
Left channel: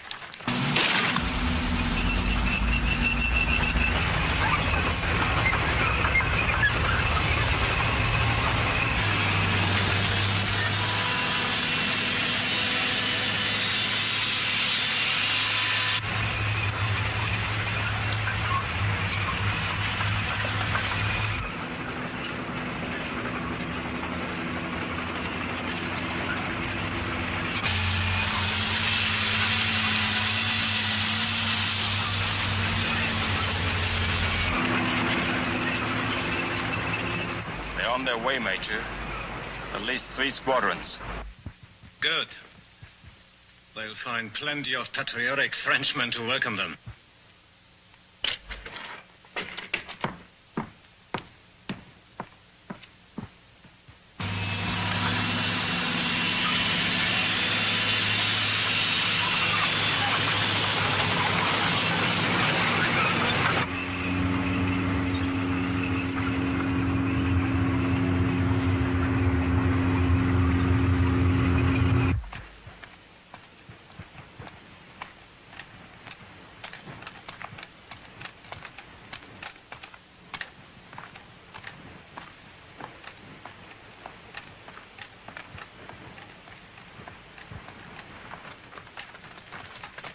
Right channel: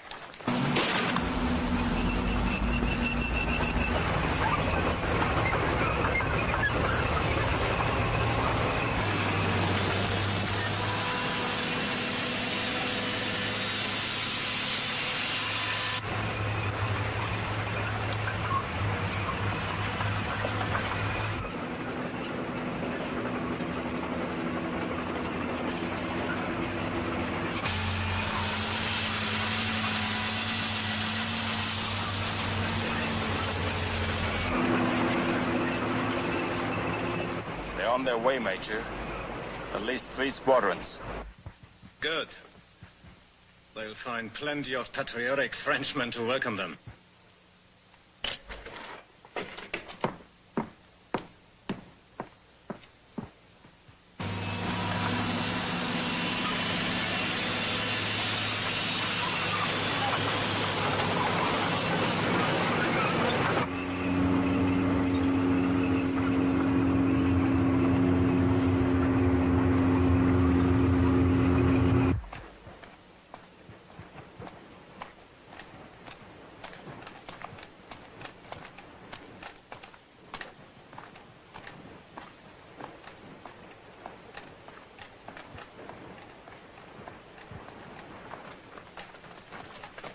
They're on their way, Major. At least 3 squadrons. Good. They'll find plenty of patriotic Frenchmen to welcome them.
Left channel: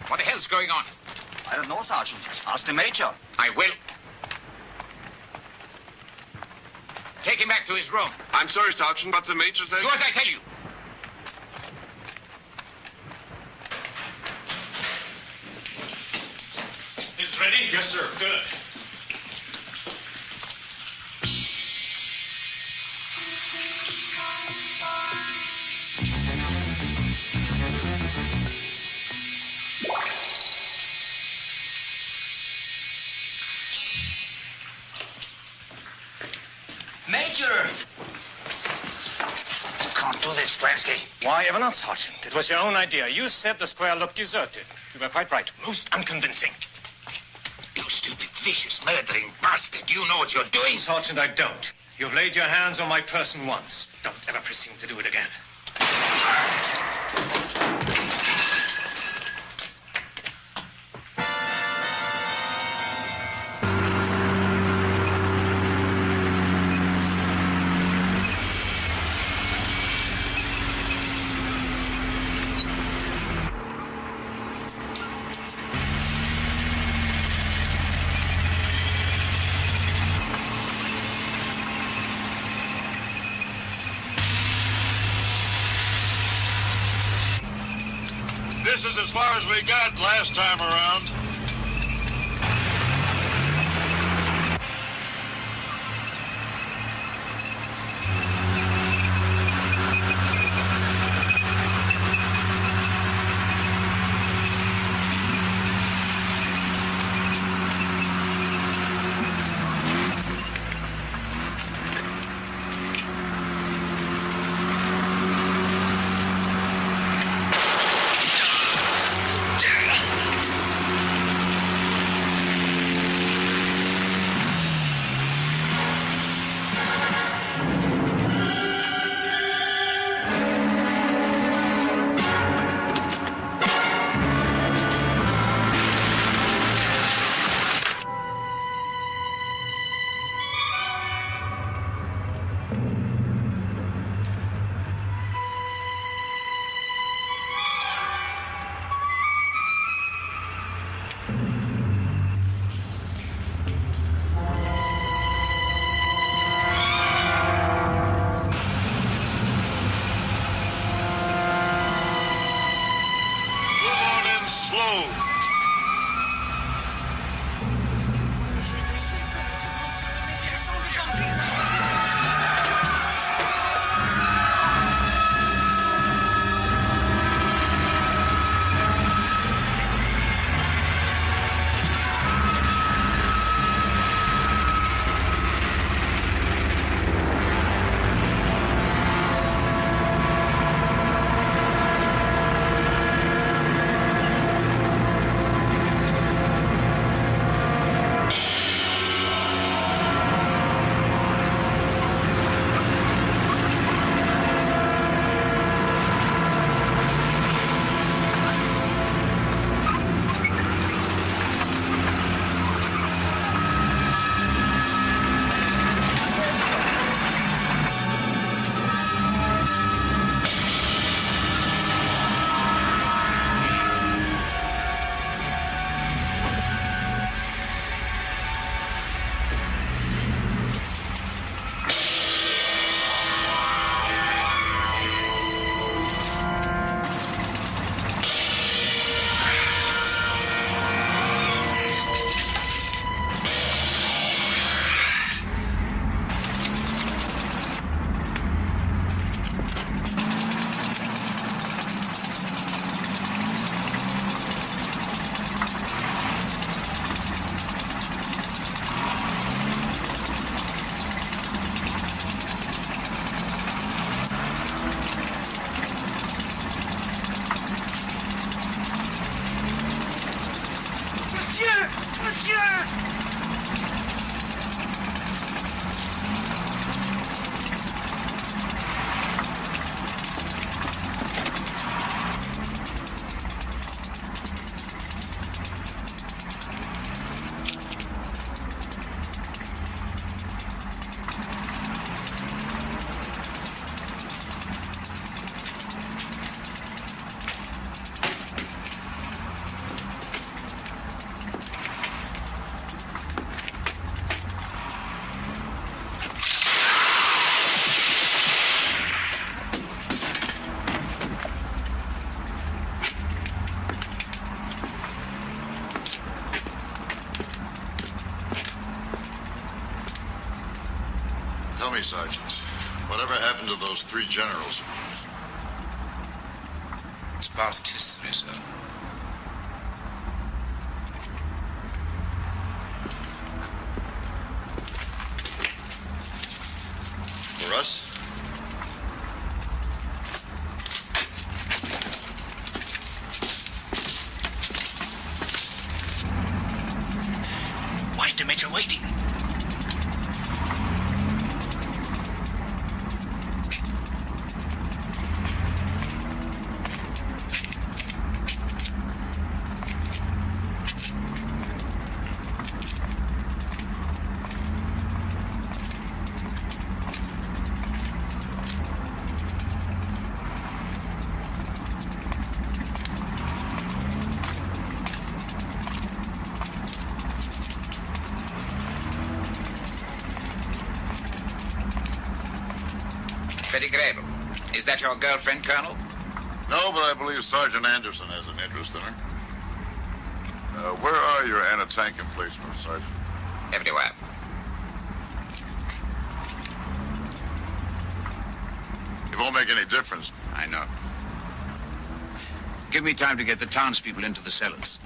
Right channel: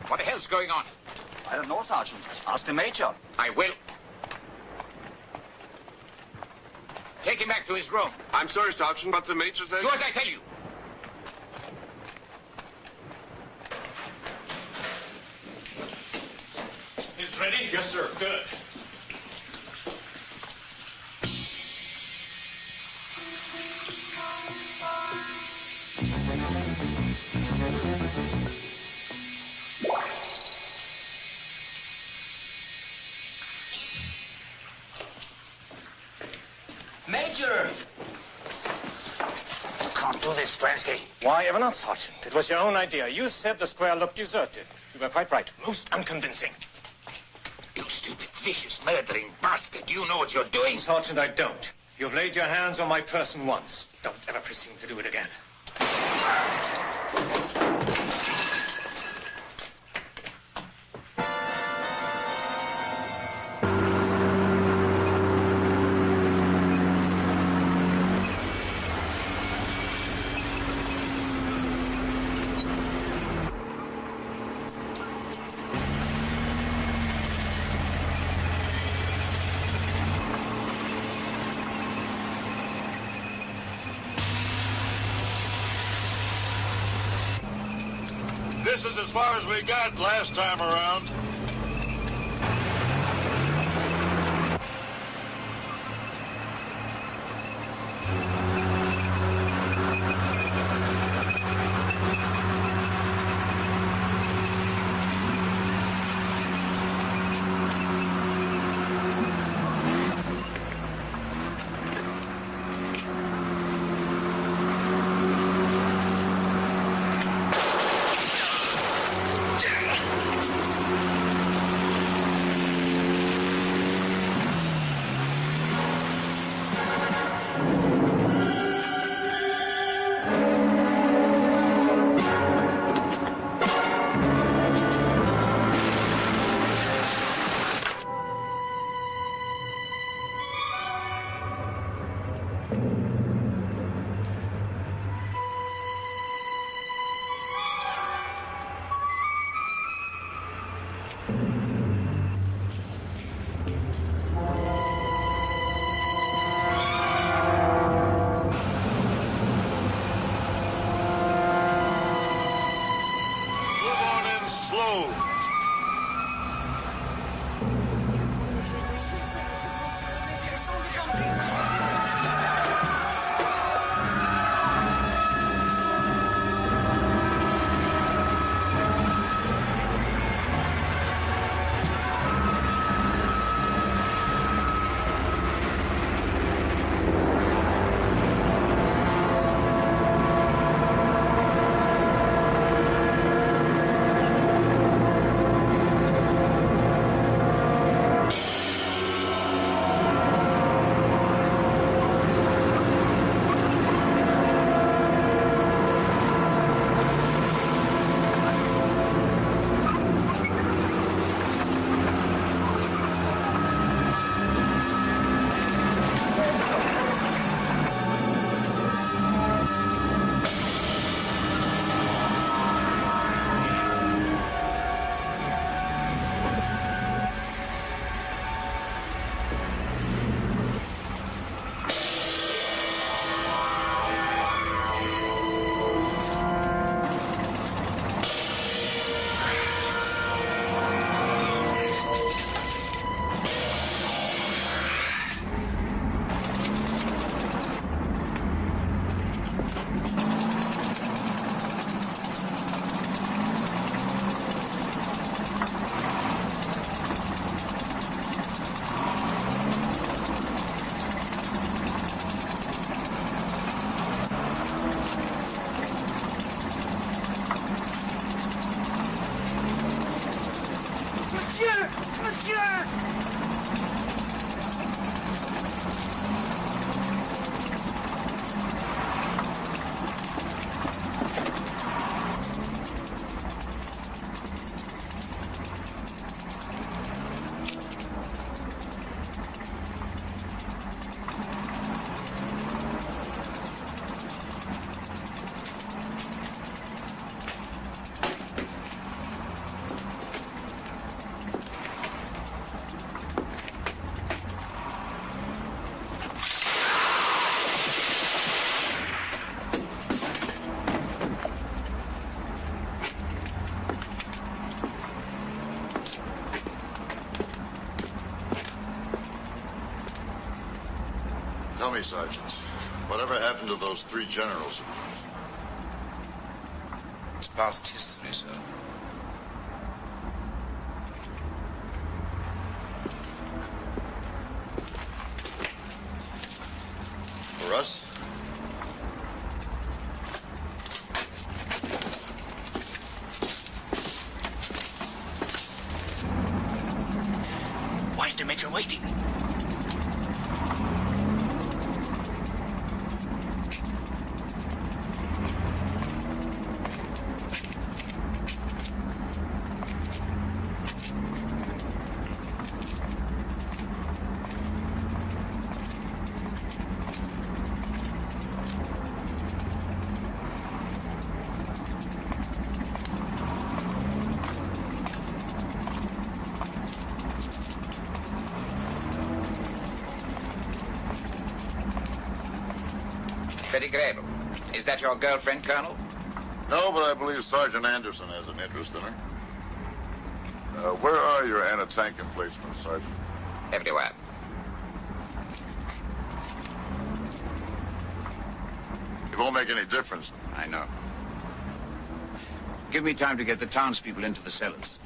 What the hell's going on? I don't know, Sergeant. Ask the Major. I will. Take him back to his room. I'm sorry, Sergeant, but the Major said... Do as I tell you. Is it ready? Yes, sir. Good. Major! You can't do this, Stransky. Why ever not, Sergeant? It was your own idea. You said the square looked deserted. You were quite right. Most unconvincing. You stupid, vicious, murdering bastard. You know what you're doing. Sergeant, I don't. You've laid your hands on my person once. Don't ever presume to do it again. This is as far as we got last time around. Monsieur! Monsieur! Tell me, Sergeant, whatever happened to those 3 generals? It's past history, sir. For us? Why is the Major waiting? Pettigrew, is that your girlfriend, Colonel? No, but I believe Sergeant Anderson has an interest in her. Where are your anti-tank emplacements, Sergeant? Everywhere. It won't make any difference. I know. Give me time to get the townspeople into the cellars.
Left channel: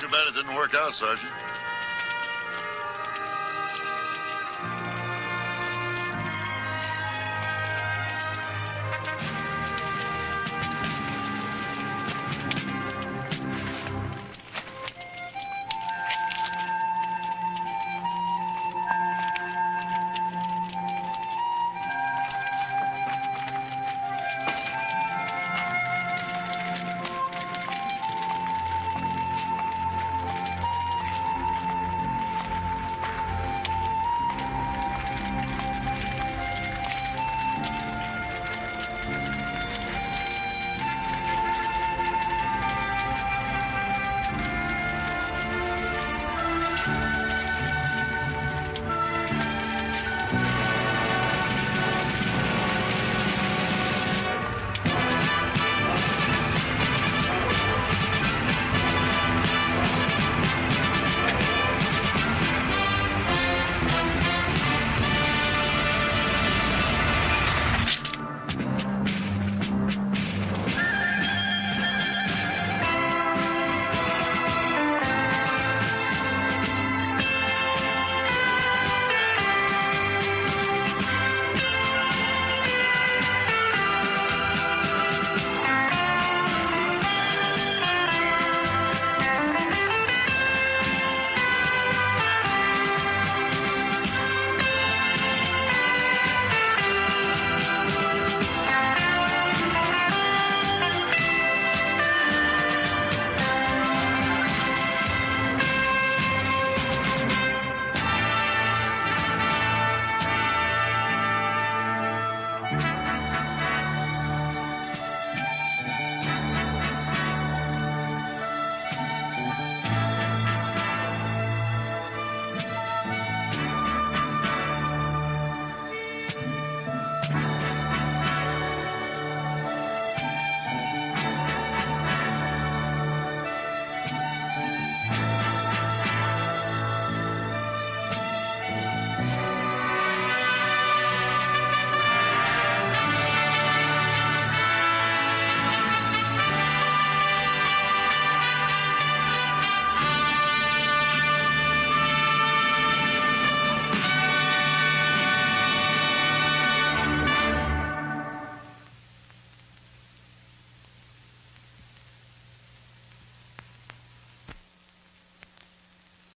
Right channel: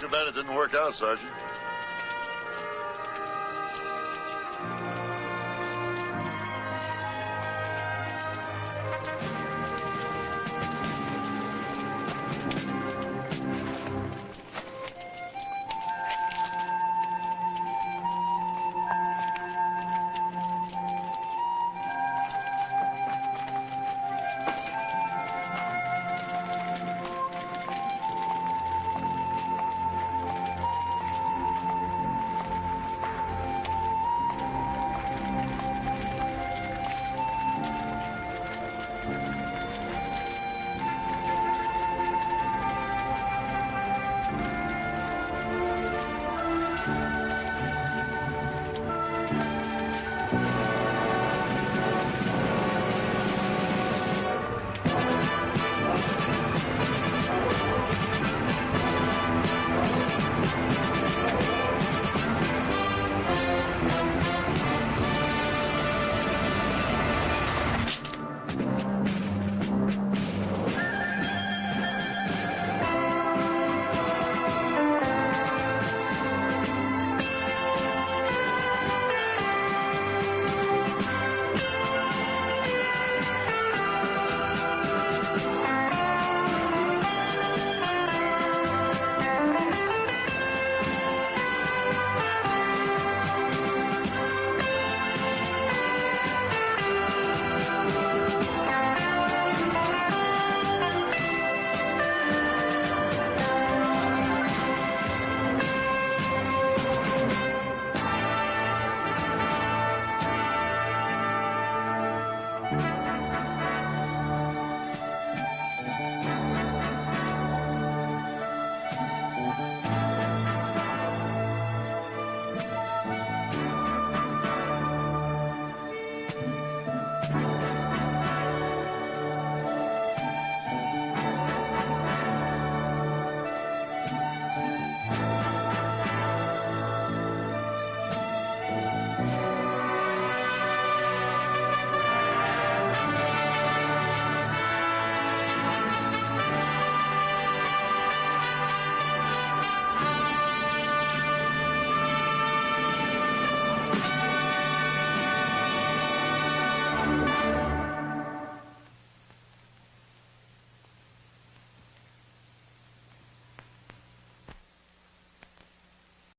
Too bad it didn't work out, Sergeant.